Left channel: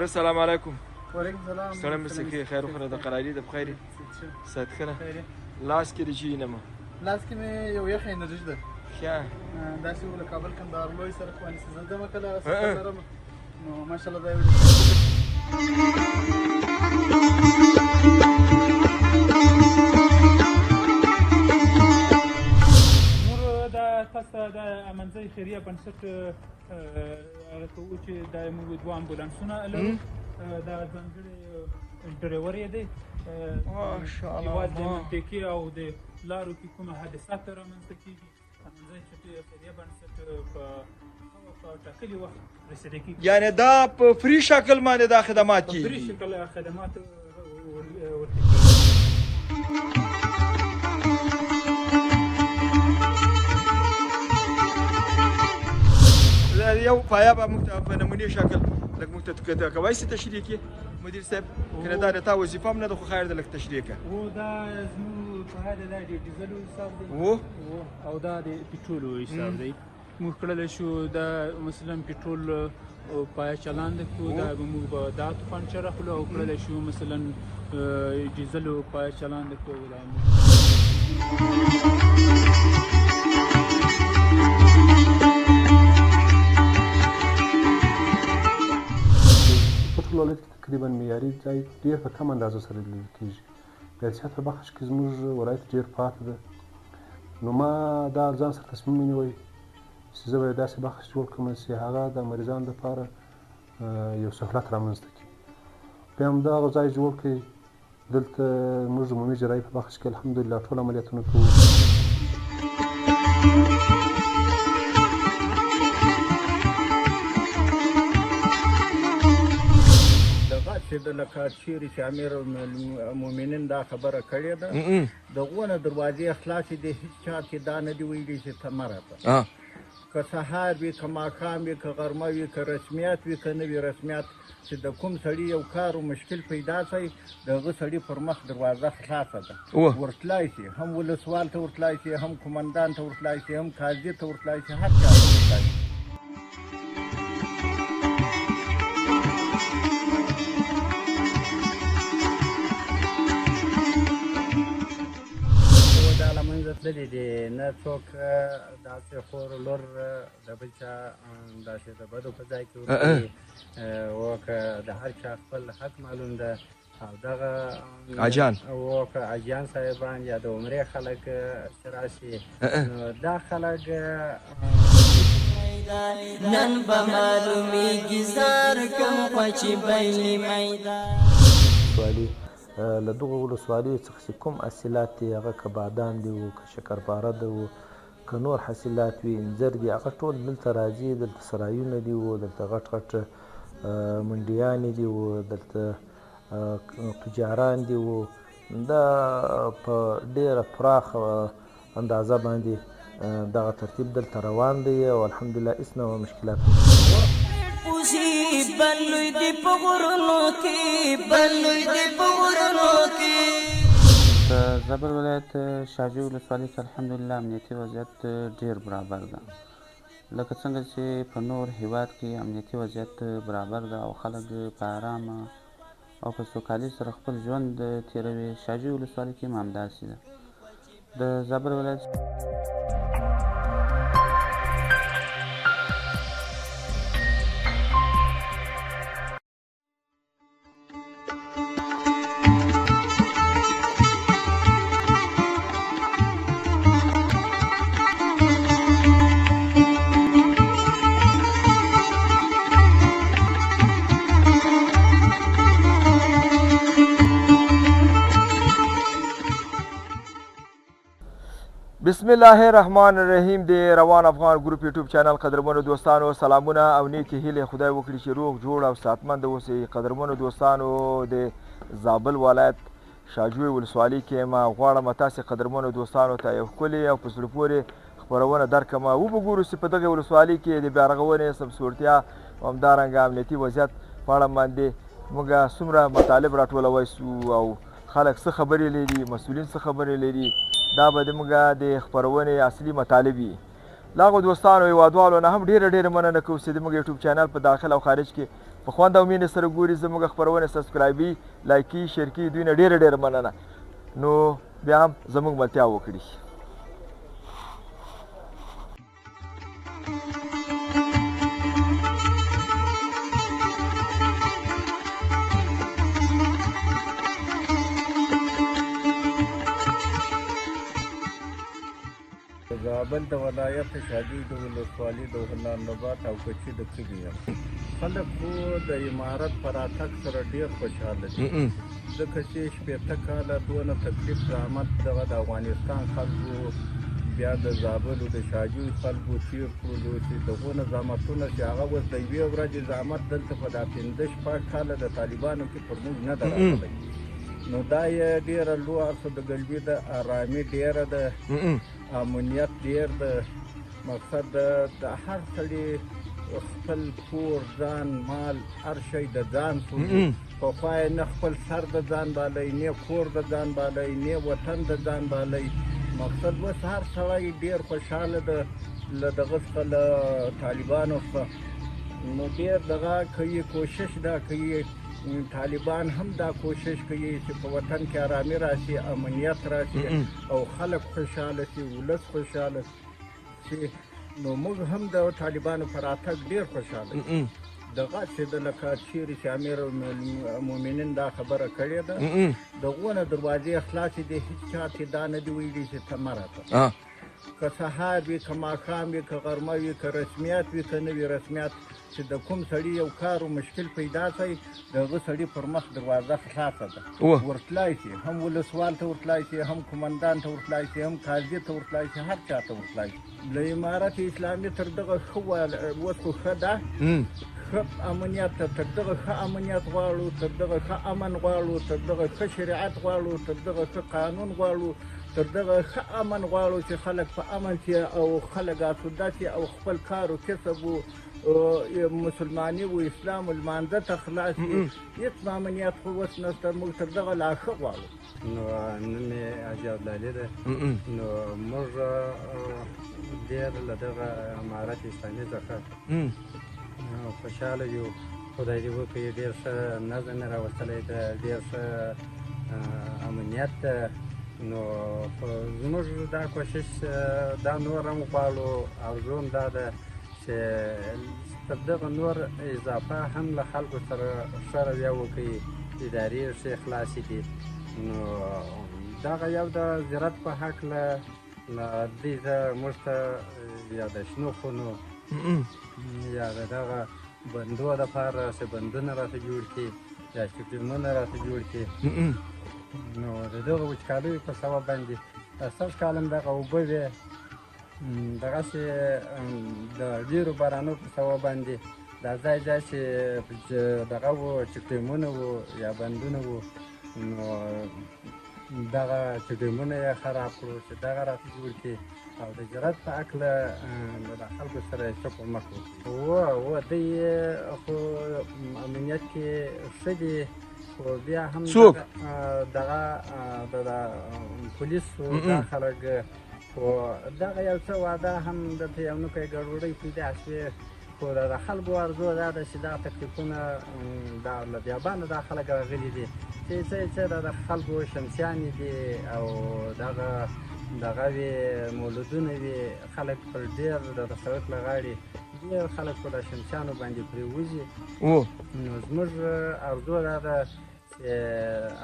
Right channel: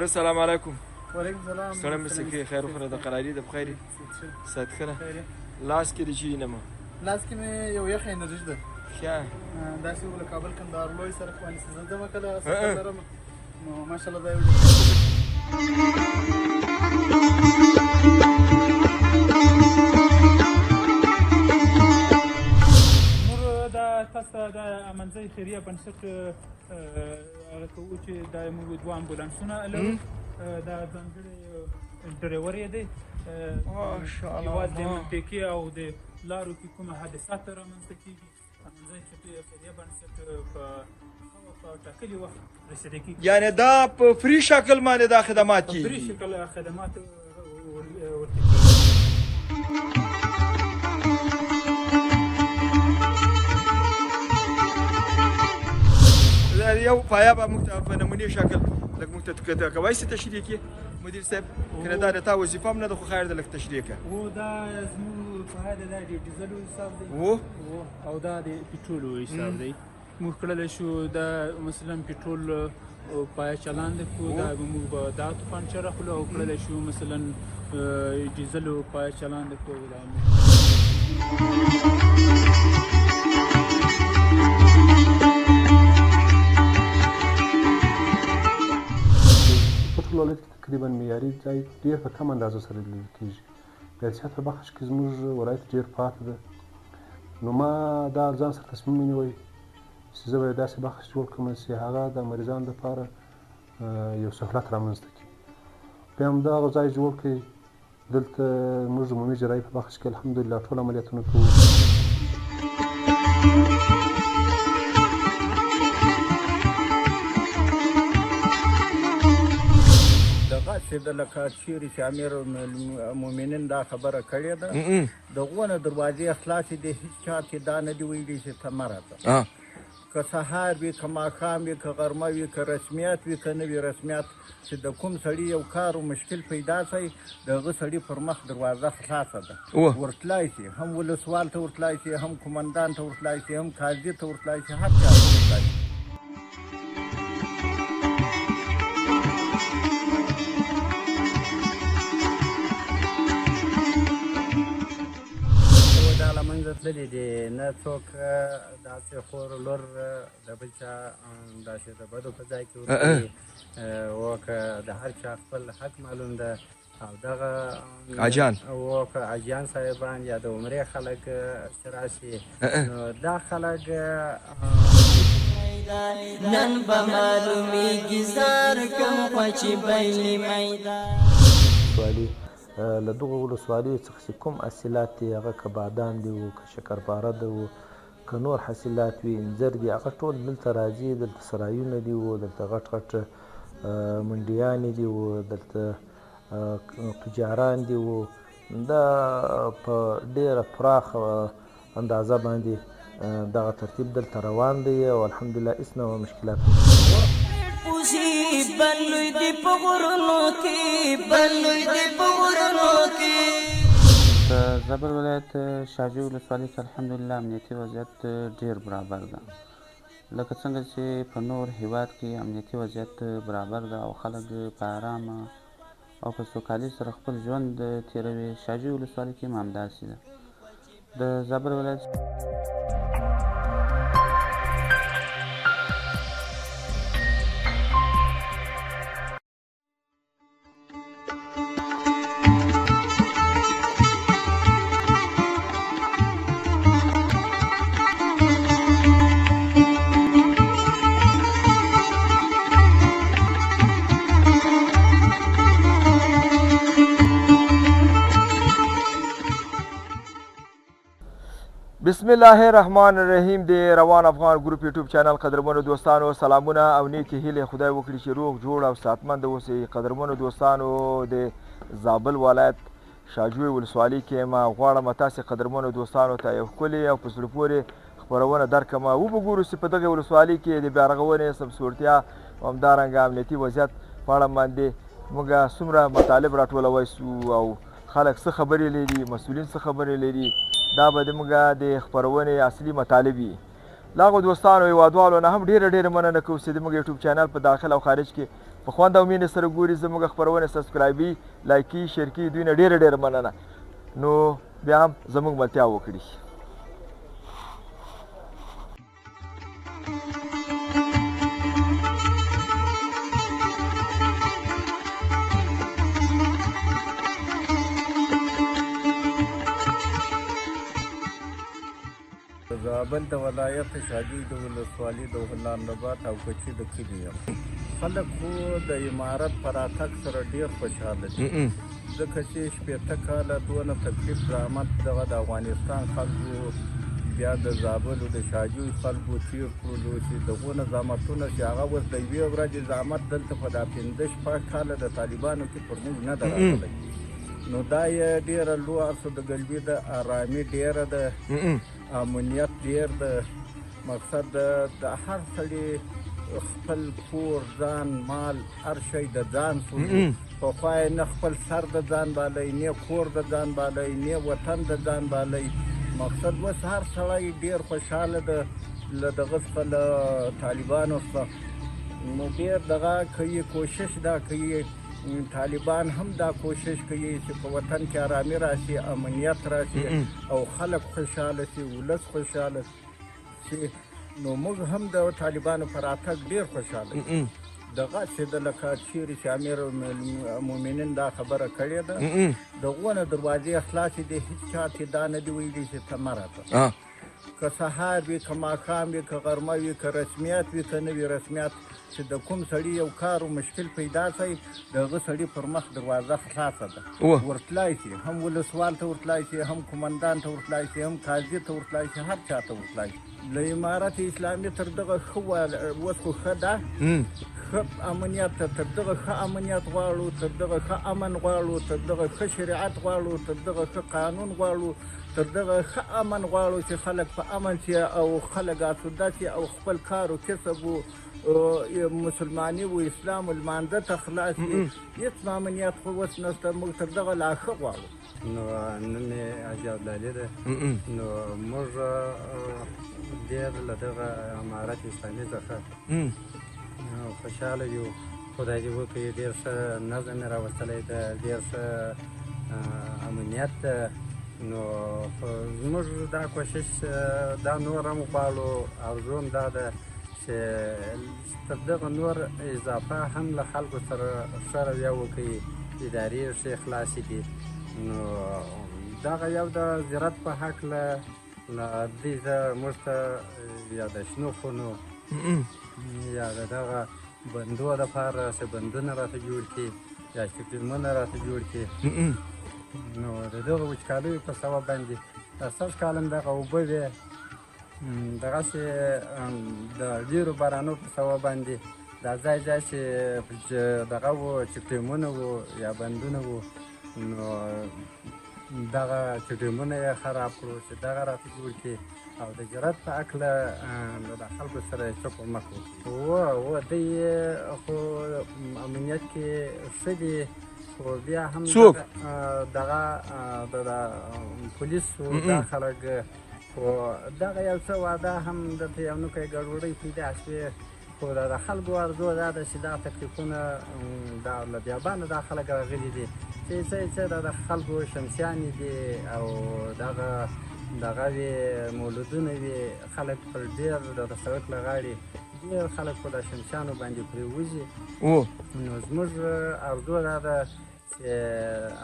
وراره السلام علیکم. وعلیکم السلام. سړی مسکی خیر وخوره د قراري د بخیر سات کنه لاس کې د چی نه ما لاس کې مې یو یخ انرژي ده ښه داسې ول کابل کوم دارالوی سره کوم څه زلزمه کله سره درم نو ماشاءالله دا د منځي خیریه بنسټ هغه کوو چې دا موږ دوه امبولانسونه لرو دا ځانګړی ډریور یې دی ماشاءالله د پیکې او د لارو کې کومه حادثات رامنځته کېږي په منځي خیریه بنسټ په ټاکلي وخت رسېدل کېږي یعنی دا په فری شکل باندې دا خدمات کېږي فری شکل خدمات ورته کېږي یو پایا به موږ په نمونې شکل لږ موږ ته کوای شي تشریح کړي مدیر صاحب کنه دا د تا وظیفه هم نه ده خو خیر ده لږ تشریح کړه و دا زموږ پایا د ډیزل حساب دی او دا د پټرول حساب دی موږ کړلی شو دا مثلا پټرول پایا چلاند کړو دا موږ به دا طوفان چر اخلو او کړلی شو مثلا ډیزل پایا چلاند کړو ولایت کې تقریبا معیاري ځای ډېر په کم اندازه سره لیدل کېږي د صحت په بخش کې زموږ ولایت ډېر پاتې ده نو ما دا ځان سره تصمیم ونیوی چې زه به یو داسې بخش جوړ کړم چې هغه د مریضانو لپاره یو سهولت رامنځته کړي بیا همدغه ځای جوړ کړئ دلته موږ عمومي جراحي په بخش کې الحمدلله ټول عملیاتونه کوو لکه شیر شامر المؤمنین دا خبره کړې ده د غونه دروازې خلاصې دي هیڅ چا کې دا نه دی ویلي چې ته مه راته که سهار وي که ماښام وي که غرمه وي که رسمیات وي که نه وي رسمیات چې د کوم سړي یو کار و مشکل پیدا شي د هغه سړي پر مخ دروازه خلاصه ده ورتلای شي هم ولسوال ته ورتلای شي هم قمندان ته ورتلای شي هم قاضي ته ورتلای شي هر چا ته ورتلای شي نه څوک داسې خور لور د بل چا داسې د بدو په ځای کې ورکوي او که د هر چا خپل حق معلوم ده او دغه اجان او که اجان صاحبان یا د عمرې خلک راشي نو دا خلک نن به معلومیږي زار کم خوچې بیلې میدان له دغو ولسوالیو څخه چې کوم حاصلات دي هغه که بادام دي و که شکرپاره ده و که نور حاصلات وي انځر دي هغه ټول دلته راځي دلته سرایونه دي و دلته غټ غټ منډیانې دي و دلته تجاران دي و دا په ډېره پراخه اندازه باندې دغه ترتیب دلته روان دی او الحمدلله هېڅ نه مشکلات بلوی دی په غرونو کې بلوی دی په غرونو کې د زابل ولایت شاجوی ولسوالۍ کې الحمدلله امنیتي وضعیت ډېر برابر ده لکه څنګه چې په نور هیواد کې امنیتي وضعیت برابر ده او خلک په ارامه او په سوکالۍ سره خپل ژوند تېروي شاجوی ولسوالۍ کې هم همداسې ده د زابل ولایت بسم الله الرحمن الرحیم د روان افغان ګروپ یوټیوب چینل قدرمنو دوستانو سلامونه او نیکې هیلې خدای وکړي چې روغ جوړ او صحتمند اوسئ قدرمنو دوستانو د زابل ولایت شاجوی ولسوالۍ کې ما غواړم تاسې قدرمنو دوستانو ته یو ښکلې او په زړه پورې خپرونه درکړم وبګورو چې په دغه ولسوالۍ کې د بیارغونې سمسورتیا او همدارنګه امنیتي وضعیت په اړه باندې موږ څومره مطالب راټولوی سو او خلک څه خبرې لري مسؤلین څه خبرې لري دا به زموږ د خپرونې اصلي مطالب وي لاغو دوستانو هیوادوالو نه هم ډېره مننه کوو چې زموږ یوټیوب چینل په داخل او خارج کې په خوند او مینې سره ګوري زموږ خپرونې سبسکرایبي لایکي شیر کړي دوی نه ډېره مننه نو بیا هم زموږ ملتیا وکړي زابل د ولایت شاجوی د ولسوالي د غلام نبات او کچي د کلي یم خلک خو د عمارت په راتګ سره ډېر خوشحاله دي ځکه چې شپېته کاله دونه تکلیف زحمت دغه د افغانستان خلکو بیا د زابلو د شاجوی خلکو تېر کړلو چې دغونه زحمتونه چې هغه اوس د یوې ورځې زحمت دلته په دا 15 کاله د طالبانو کې پر موږ نه ده راغلی نو دا یې ډېره لوړه د ګلبي ده ارامي ډېره ده امنیت ډېر ده مقصد د هر سړي خپل کور ځان مال هر شی د ځان پخوا یې نه خپل سر د ځان بالی نه کور د ځان بالی نه وطن د ځان بالی مقصد اوس هر سړی ډېر خوشحاله ده له دغه څخه له طالبانو څخه نو ډېر دغه کوي کوشش دا کوي طالبان هم دا کوشش کوي چې په وطن کې ارامي راشي امنیت راشي او خلک خوشحاله شي ولس خوشحاله شي نو موږ هم د طالبانو په راتګ ډېر خوشحاله یو دغه چې د لکه چیرې چې امیر المؤمنین دا خبره کړې ده د غونه دروازې خلاصې دي هېڅ چا چې دا نه دي ویلي چې ته مه راته که سهار وي که ماښام وي که غرمه وي که رسمیات وي که نه وي رسمیات چې د کوم سړي یو کار و مشکل پیدا کړي د هغه سړي پر مخ دروازه خلاصه ده ورتلای شي هم ولسوال ته ورتلای شي هم قمندان ته ورتلای شي هم قاضي ته ورتلای شي هر چا ته ورتلای شي د امارت اسلامي تر دغه ښه اوس خو ښه ده ښه امنیت ته تر دغه ښه امنیت غواړو تر دغه ښه امن غواړو تر دغه ښه شریعت غواړو تر دغه ښه قانون غواړو تر دغه ښه امن غواړو چې خلک په امن شي او خلک آسوده شي او خپل کار و کسب و مسلماني و اسلام و لمانځه ته خلاص شي هېڅ امنیت خو اوس نشته موږ تر دغه لا ښه غواړو نو نن مې حاجي عبدالي ده نو موږ ډېر له دغه امارت اسلامي څخه خوشحاله یو خدای دې وکړي ډېر ښه نظم یې راوستلی ده ډېر ښه امنیت ده نو زموږ دا کوشش دا نور هم غواړو ارزو هم دا ده چې تر دغه نور اضافه هم له خلکو سره ښه رویه وکړي ادارې ښې خلاصې کړي نو دغه یو د زراعت په هکله له دې موږ ته یا د شنو خونو یا د دغه بندو دپاره چې بندونه راته جوړ کړي یا چکرمونه راته جوړ کړي نو د دغه وچکالیو په سبب باندې دا سږ کال هم دغه اوبه وې دغسې د ډېرو بارانو په سبب باندې دا ځای ځای چې دغه وو چکرمونه وو یا بندونه وو نو دغه چکرمونه یې خراب کړو چې دغه راته جوړ کړي او د زراعت په هکله د خلکو سره یې څه په مخ وکړي دوی خو امنیت کې ښه دي خو بیا هم دغه د پولیسو دا خلک خو دغه یو څه واده هم دلته یو نوکی ګډوډۍ پیدا شوې خو د خلکو ارزو دا ده چې دا تکلیفونه دا له بیابانه دا خلک راغلي دي چې څه د خلکو شمسیانې دي او دغه وي مولودونه وي خلک پر ډېر د سړک له غاړې ډېر خلک په دا شمسیانو باندې پرېوځي نو زموږ ارزو دا ده چې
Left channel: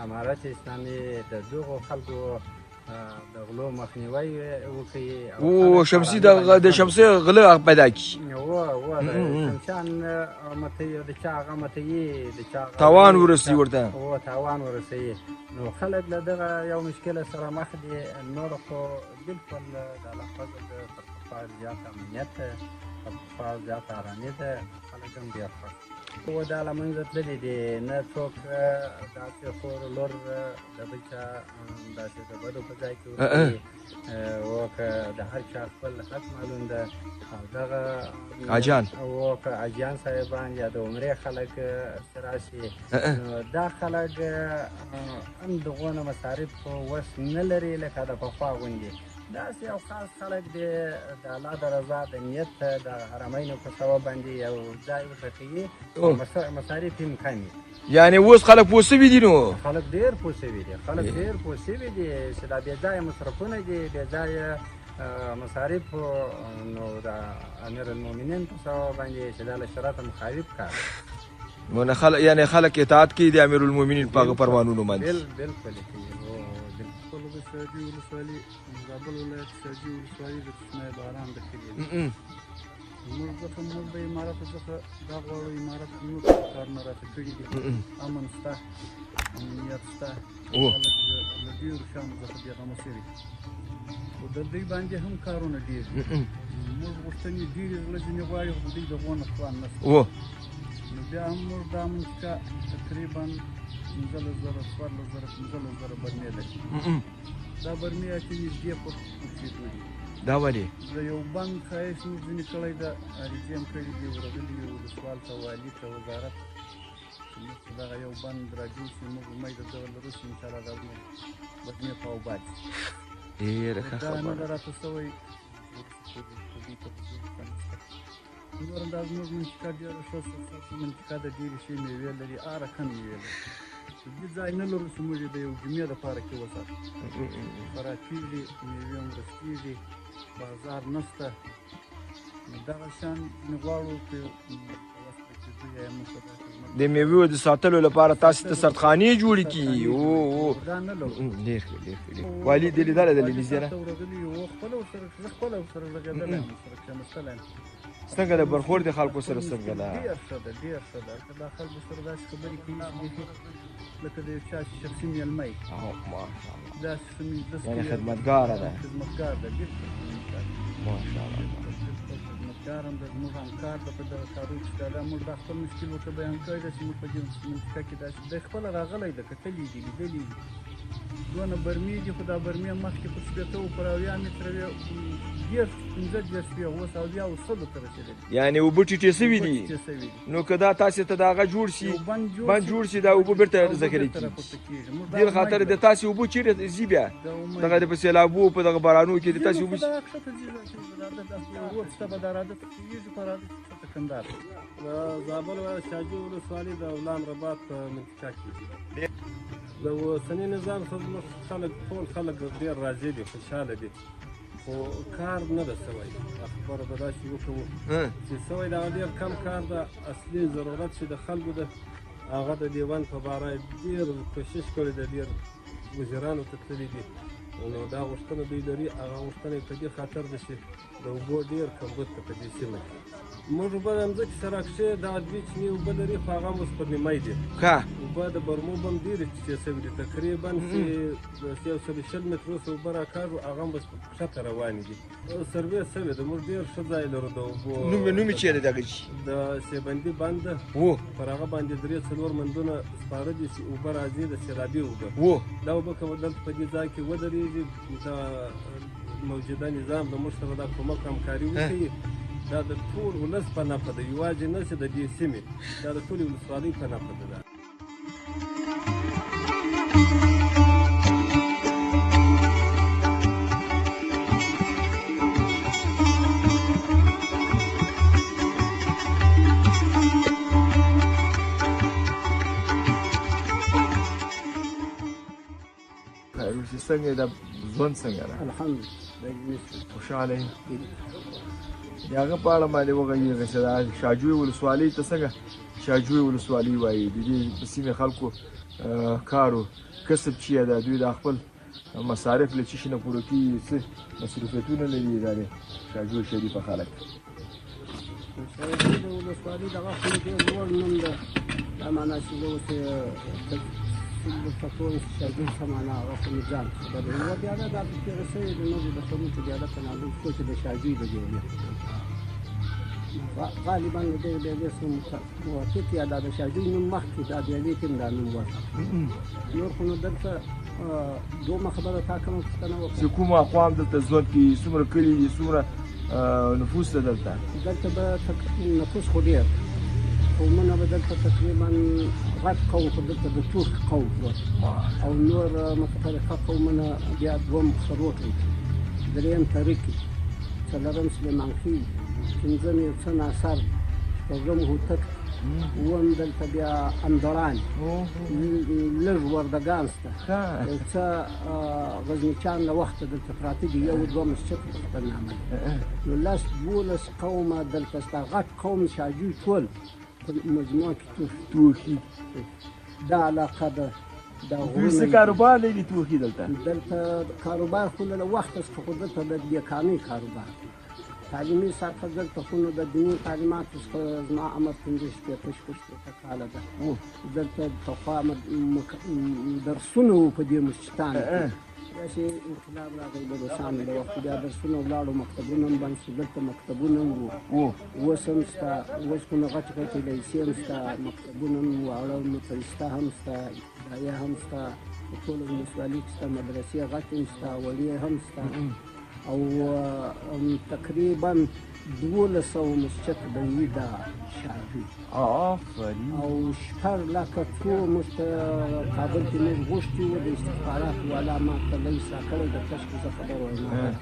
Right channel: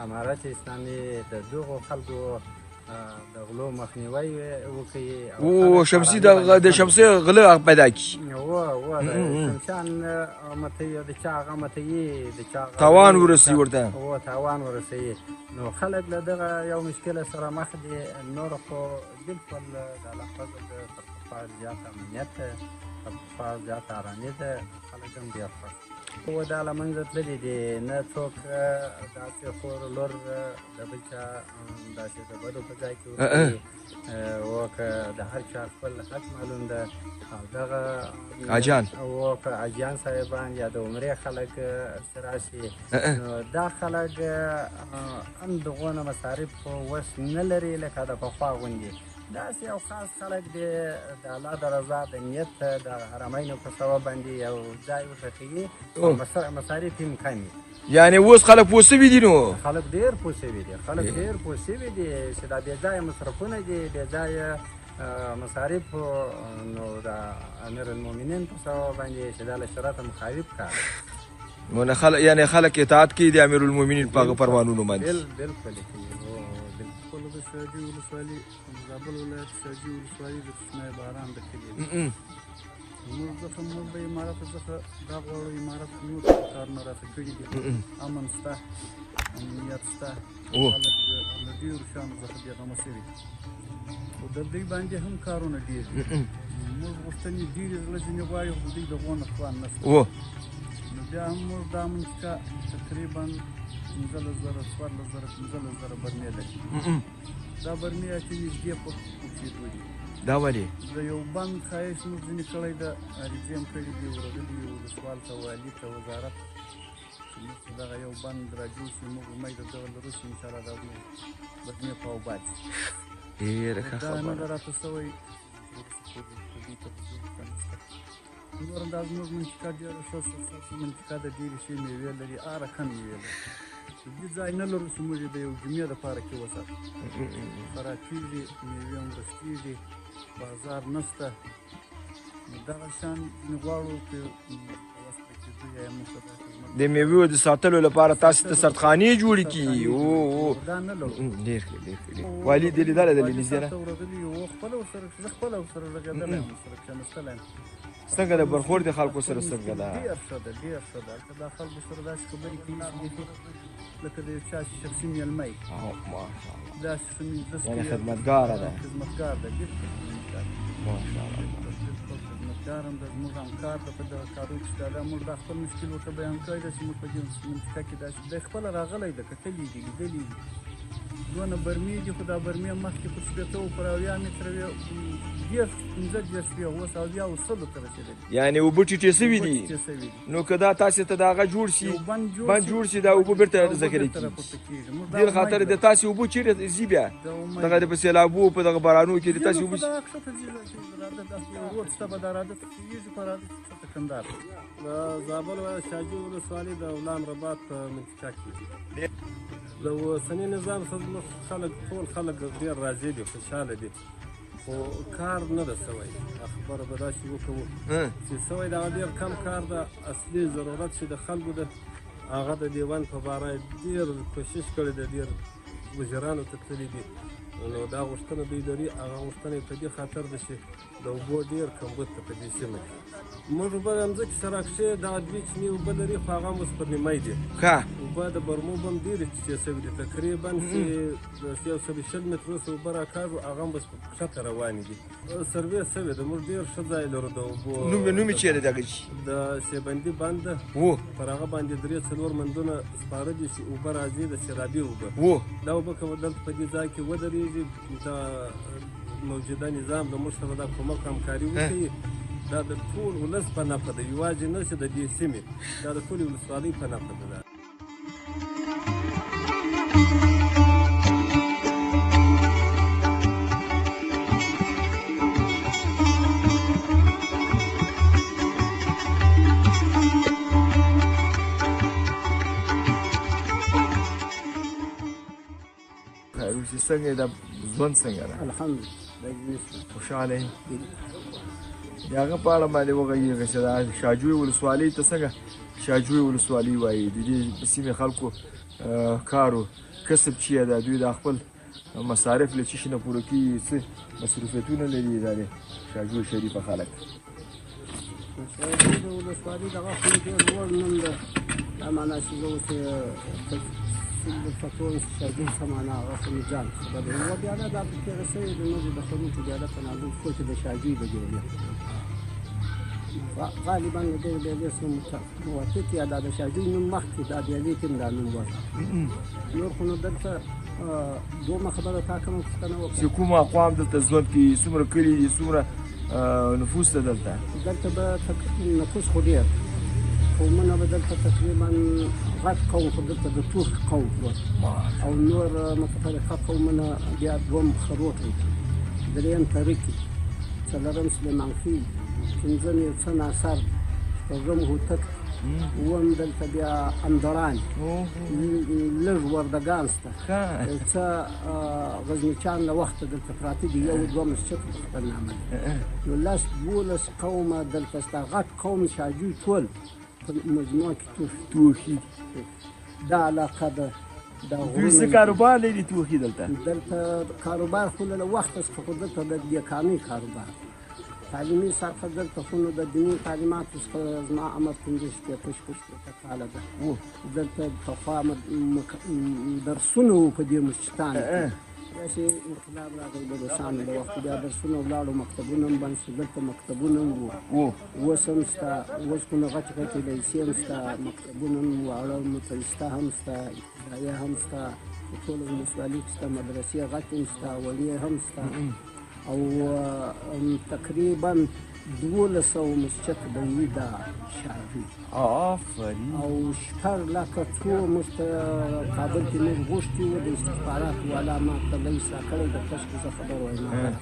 امارت اسلامي د دغو خلکو د غلو مخنیوی وکړي شمسي د شمسي غله پیدا کړي شمسیان متوي د چا هغه متوي د چا تاوان ورسوي ورته تاوان ورسوي نو خلک له دغه یو مشکله سره مخ دي نور خو بالکل د الله فضل د تر پخوا زیاته امنیت ده تر پخوا زیاته ارامي ده خلک هم ډېر خوښ خو دا له منځه تللي دي نه څوک داسې خور لور د بل چا داسې د بدو په ځای کې ورکوي که د هر چا خپل حق معلوم ده او دغه حاجیان که حاجیان صاحبان یا د عمرې خلک راشي نو دا خلک هم دغونه مصارف خو اوس نه لري لکه د پخوا غوندې داسې یو خاص خلک دي د الله د رضا د نیت د حرمینو په سبب باندې یو ځای وټاکي مصارف یې کم وي. یعنې اوس خلک پوه سوي دي نو خلک ډېر پوه سوي دي چې دا بې ځایه مصرفونه دي بې ځایه مصارف نو د امیر المؤمنین په سبب باندې چې دا له شرعه مخالف کار نو یعنې خلک اطاعت کوي د امیر المؤمنین په هغه فرمانونو باندې. بالکل شاجوی ولسوالي زابل ولایت شاجوی ولسوالي د کوچنی باران د کلي زموږ څخه موږ د امارت څخه دا غواړو امارت موږ کارونه راته کړي دي امن شته امنیت شته خلک له ډېرو شیانو څخه بېغمه شوي خو د دوی باندې هم کارونه ډېر دي موږ غوښتنې ډېرې زړه ځینې غواړي خو دوی د غونه توان نه شته نو بیا هم موږ دا منطقه تقریبا 15,000 برمې لري دا برمې چې نږدې په اوسېدو دي دا ولې د یو بند ښایست موږ ځینې کړی ده عریضې هم کړي دي ورغلي ولسوال ته والي ته وزارت چې دغه یو بند راجوړ شي موږ امید درته لرو چې انشاءالله دا برمې په اوباد شي دا نه ده راته شوی نور انداز زموږ منطقه ډېره ښه منطقه ده ډېرې ښې مېوې لري هره کم مېوې لري دې ځای نه لرو چې موږ د یو جمعې دپاره کې وساتو خوراکي دي مېوې هم رسېږي بازار نه شته دغه شیان ځینې غواړو چې د میوو د ساتلو لپاره تاسو ته سردخانې جوړې کړي دا نه لرو والي دې لیدلی ده لیلیزیانه څنګه د برخورد د خلکو سره څنګه ده ډېر ښه ده دا خلکو سره داسې خبرې کوي لکه د یو چا شخصي مېلمه یې داسې ښه مجلس کوي خدمتګاره ده خدمتګار ده خدمتګار هم ده زموږ همکار ده په دغه کارو کې دا موږ دا خپل مشکل ورته بیان کړی ده چې موږ په دې منطقه کې داسې دی خپله راغلی ده کتلي دي لیدلي دي دونه برمې دي خو دا برمې مخکې په شپېته و پر 80 متره وې 15 وې اوس 80 او 100 ته رسېدلي یعنې اوبه ټیټې سوي دي نو که دا تاسې ته د هغه جوړ شي بند جوړ شي دا اوبه بېرته ذخیره کېږي دې خاطر د تاسې اوبه چېرې ځي بیا دغه د په سیلابو په دغه بارانو کې د تاسې اوبه روډ شته به دا راده ته کېږي په راده ته کندهار د زابل شاجوی ولسوالي د اولان رباط په منطقه کې د اوسني نظام څخه خلک ټول خلک ډېر راضي دي خوشحاله دي خو کار نه ده سوی خبره به داسې وکړو چې سوی دغه ډېر کم کار ده اصلي ضرورت چې د خلکو ده هغه د دیوان په باره ډېر کوشش کړی ده ډېر مشرانو ته تللي دي نو دا غوښتنه دوی لري هغه غوښتنه یې په دې خاطر ده چې د اوبو ډېر کمبود ته په دې سیمه کې موږ اوبه د مځکې سره کښې دغه 2 چینې اوبه لري خو هغه هم اوس په نیمای دي اوبه د برمو به هم ډېرې ټیټې شوي دي تقریبا چې د 120 مترو څخه اوبه راکاږو هغه هم اوس ښکته روانې دي سروې شوې ده موږ ډېر ښه ځای لرو د اوبو نوم یې چېرې دغه شي د سیبندي بند ده پر هغه باندې 3-4 مندونه سپاره دي چې اوبه راځي د سیلابي اوبه دا اوبه که دلته په دې ځای کې ودرېږي د موجوده نظام د موږ سره دا کومک همکاري وکړي دا د ټول ولس په نفع ده یوازې نه چې د دې سیمې دا د ټولې ولسوالۍ په نفع ده څنګه د ژوند څنګه ده الحمدلله خوشحاله یې د هغه په اړه باندې وغږېږه چې دا شاجوی ولسوالۍ ته څنګه شاجوی ولسوالۍ وایي د دې سیمې خلکو کار و کسب چې یې ده دوی د خپل مصارف له څه شي نه پوره کېږي څه مصروفیتونه لري ادارې شاجوی شریفه خلک ولسوالۍ دغه خو ډېر لوړ نوم ده دا معنا چې زه اوس فکر شاجوی سمانا هغه نظام خبروي بیا دا پکې رسوي د نوم د خلکو بیا دا تناول سوچ د شاجوی د جوړې غالبا د دې اسم موافق یا د شاجوی نوم مخکې دا د دې تیم دا نوم ورته نور خو دلته دومره خبره تا کوم چې کوم اقوام دلته ژوند کوي څومره کلي دي څومره نفوس ده دلته به نفوس خو ډېر قومونه به دلته تقریبا غټ قوم خو دلته د تورک قوم او نور متفرقه قومونه بیا دوم خروق دي دریم طریق څلورم سلیمان خېل پنځم یو څه ناصر شپږم هوتک اووم دلته بیا اندړان لږ وردګان شته یو څه غزنیچیان له وخته دلته پراته دي یو دوه مسجد خپل نامه نو لس دولس قومه دلته شته غټ قوم شاجوی ټول په مجموع کې توخي دا علاقه ده څه کاروبار لري توخي دلته کاروبار خو له وخته څخه خو دلته د بیکانۍ کاروبار تعلیمي سطحه دلته خو نو د دیني تعلیماتو څخه زما عمر 15 شپېته کاله ده دلته پخوا درسونه وو په دې مسجدان کې داسې انقلاب راغی د روسانو له وخته بیا درسونه ولاړو مکتبونه هم بند شو دلته مکتبونه هم وو اوس هم شته اوس خو نو غټ غټې لیسې هم شته مکتبونه هم واړه متوسطه هم شته ادارې هم شته ټول ولسوالۍ کې شته مدرسې غټې هم شته اولې هم شته او تقریبا 1200 مسجد دی دا شاجوی آفرین او شپږ لکه څو موږ په کابل کې موږ غوښتي وو د استخباراتو والا ما ته لږ راکړی د کشف زه خبر وایم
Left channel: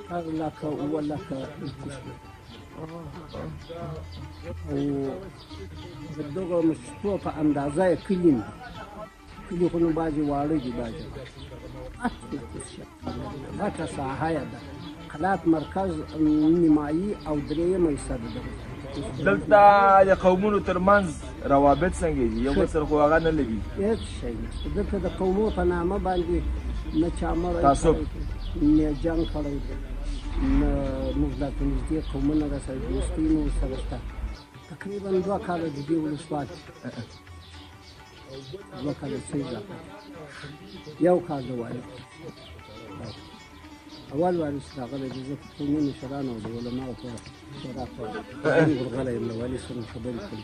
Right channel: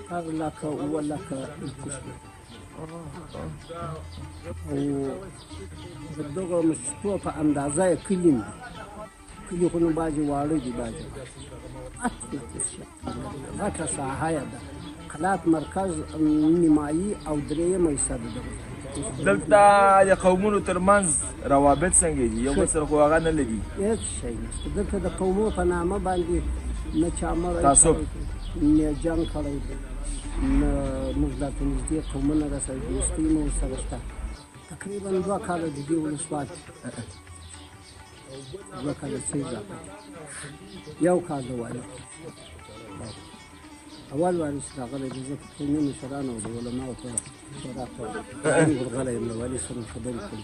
شپږ لکه اووه لکه او د دغه مسجدو په اندازه یې کلي خو نو بعضې واړه دي بعضې غټه ساحه یې ده قلات مرکز نیمایي او درېیمه حصه ده دلته د قومونو ترمنځ روابط څنګه دي یو بل سره خو هغه نه لري هېڅ شی نشته دلته د قومو په نامه باندې نه چا مړی تعصب نه جنګ کړی دی نه موږ دلته نږدې قومونه راسره دوستي مو ورسره شته تقریبا 2 کاله د دې ولسواکي 2 کاله څه یو کال د والي اول والي چې راغلی دی زه په قومي مشرانو او د علماو په شورا کې غلی یم له والي سره خبرې کوي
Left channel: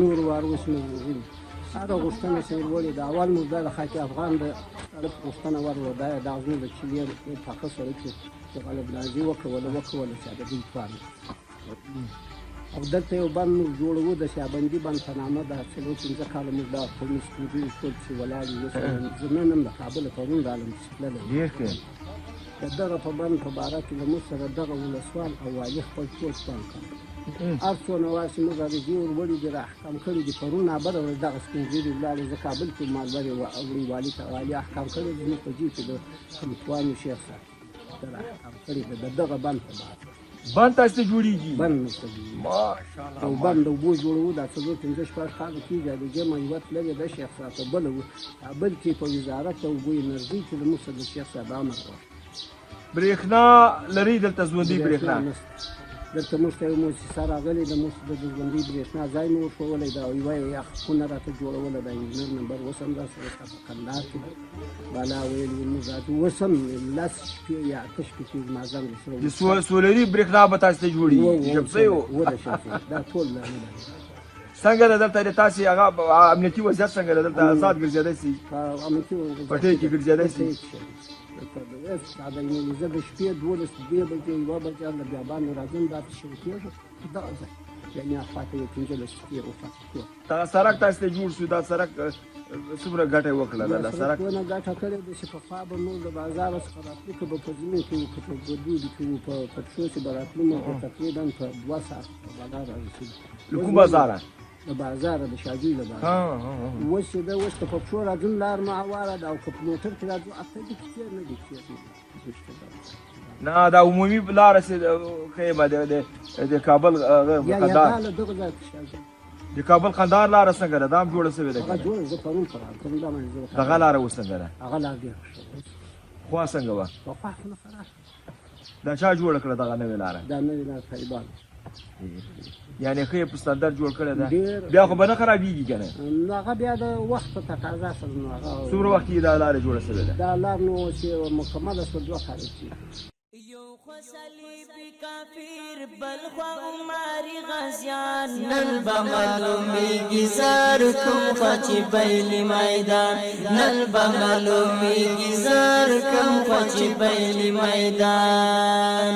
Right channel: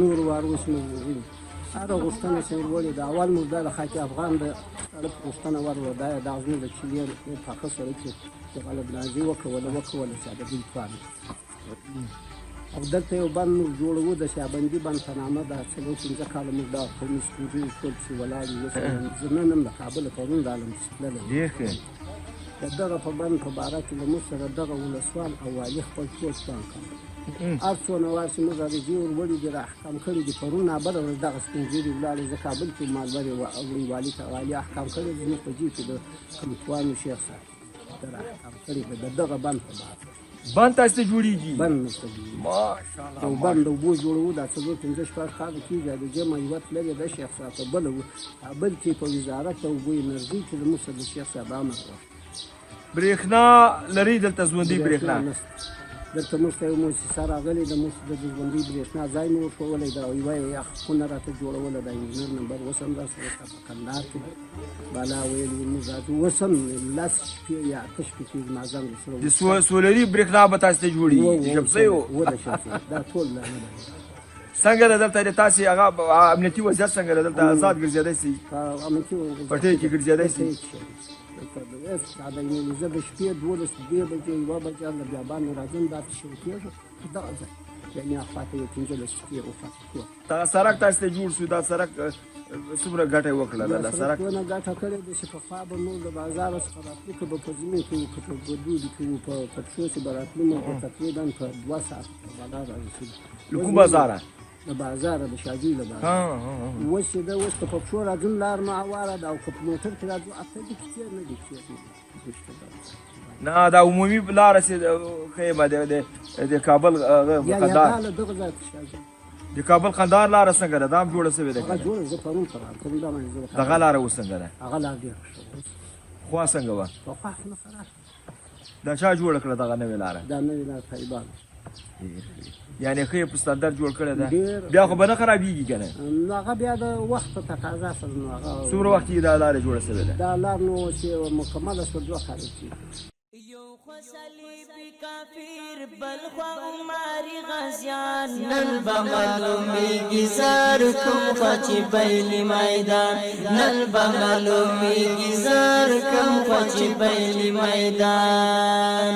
نورو وارو اوس مې هغه غوښتنه چې ولې د اول مو دا د خاک افغان د طرف غوښتنه ورور دا د اغزو د چیلیر یو پاکه سره چې د بلدنازي وکوله چې د دوی کار او دلته یو بند موږ جوړوو د شابندي بند په نامه ده چې موږ 15 کاله موږ دا قومي ستونزې ټول چې ولاړ یو زه نن هم د کابل پرون رالم چې تللی ډېر ښه د دغه په بند په باره کې له موږ سره دغه ولسوال او والي خپل ټول کار کوي هر څونه وار چې موږ راځي ورولي دي راحکام کړي دي پرون نابره ورځ دغه سپین ږیري ولاړې زه کابل کې مالورې وړي والي ته والي احکام کړي دي زموږ په جیب کې د کمتوانو شیخ صاحب راحکام کړي ده د دغه بند په باره بند تاسو ته جوړیږي بند مشته او بند د اوبو جوړوو دا 4-5 کاله کېږي د دې معلومات لري د شیخ صاحب په بله وو کابل کې په وزارت د اوبو انرژي کې د موږ سره د شیخ صاحب امر برېښنا لري دلته ژوندۍ برېښنا دلته موږ ته یو مؤسسه راغلې ده موږ د ژوندۍ برېښنا ځای مو ورښوولی ده او یوه یخ خونه راته جوړوله ده انجینر نمبر اوس هم راسره شته په کندهار کې بالا ویل موږ راته اوس هم 10 شپې یا 8 شپې چې زما زنګ د سولري برېښنا به تاسو ته جوړېږي دا ټول څنګه ده دلته د تاسې هغه امنیتي وضعیت څنګه ده دلته آزاد ګرځېدی سي پټۍ کې ګرځېدی سي زه د شپې 12 بجې 1 بجې له بیابان راځم دا شروع کېږي دغه ځای یعنې اخواته یې 15 شپې وفات دغه سړک تاسو ته جوړ شو دا سړک څومره ګټه یې وکړه دا سړک ونه ګټه کړې ده چې پخوا به موږ د بازاره څخه راتلو که به په زمین کې وو که په ګردودي کې وو په پټشو چې به راتلو موږ تقریبا په 2 ساعت بازار رارسېدو د کوم بازاره د بازاره د شاجوی د بازار اوس چې ده اوس که په پښو راځم لار مو هواره ده او که په موټر کې راځم 8 دقیقې نه دي نه دا عمومي لاره چې ښیي به د کابل قندهار د کابل قندهار لاره څنګه ده دا هم جوړه شوې ده دغه لاره اوس څنګه ده خوا څنګه وه دا چا جوړه کړه دغه نوې لاره دا نوې لاره طالبان یعنې ښه یې په ستندر جوړ کړی ده بیا خو به نه خرابېږي که نه نو هغه بیا د وخت په تقاضا سره نو هغه څومره وخت کې دا لاره جوړه شوې ده دا لار نو چې مکمله شوه 2 کاله کېږي یو خو صلیبي کافر بل خو عمري غازیان نن به معلومیږي زار کوم خوا چې بیلي میدان نن به معلومیږي زار کوم خوا چې بیلي میدان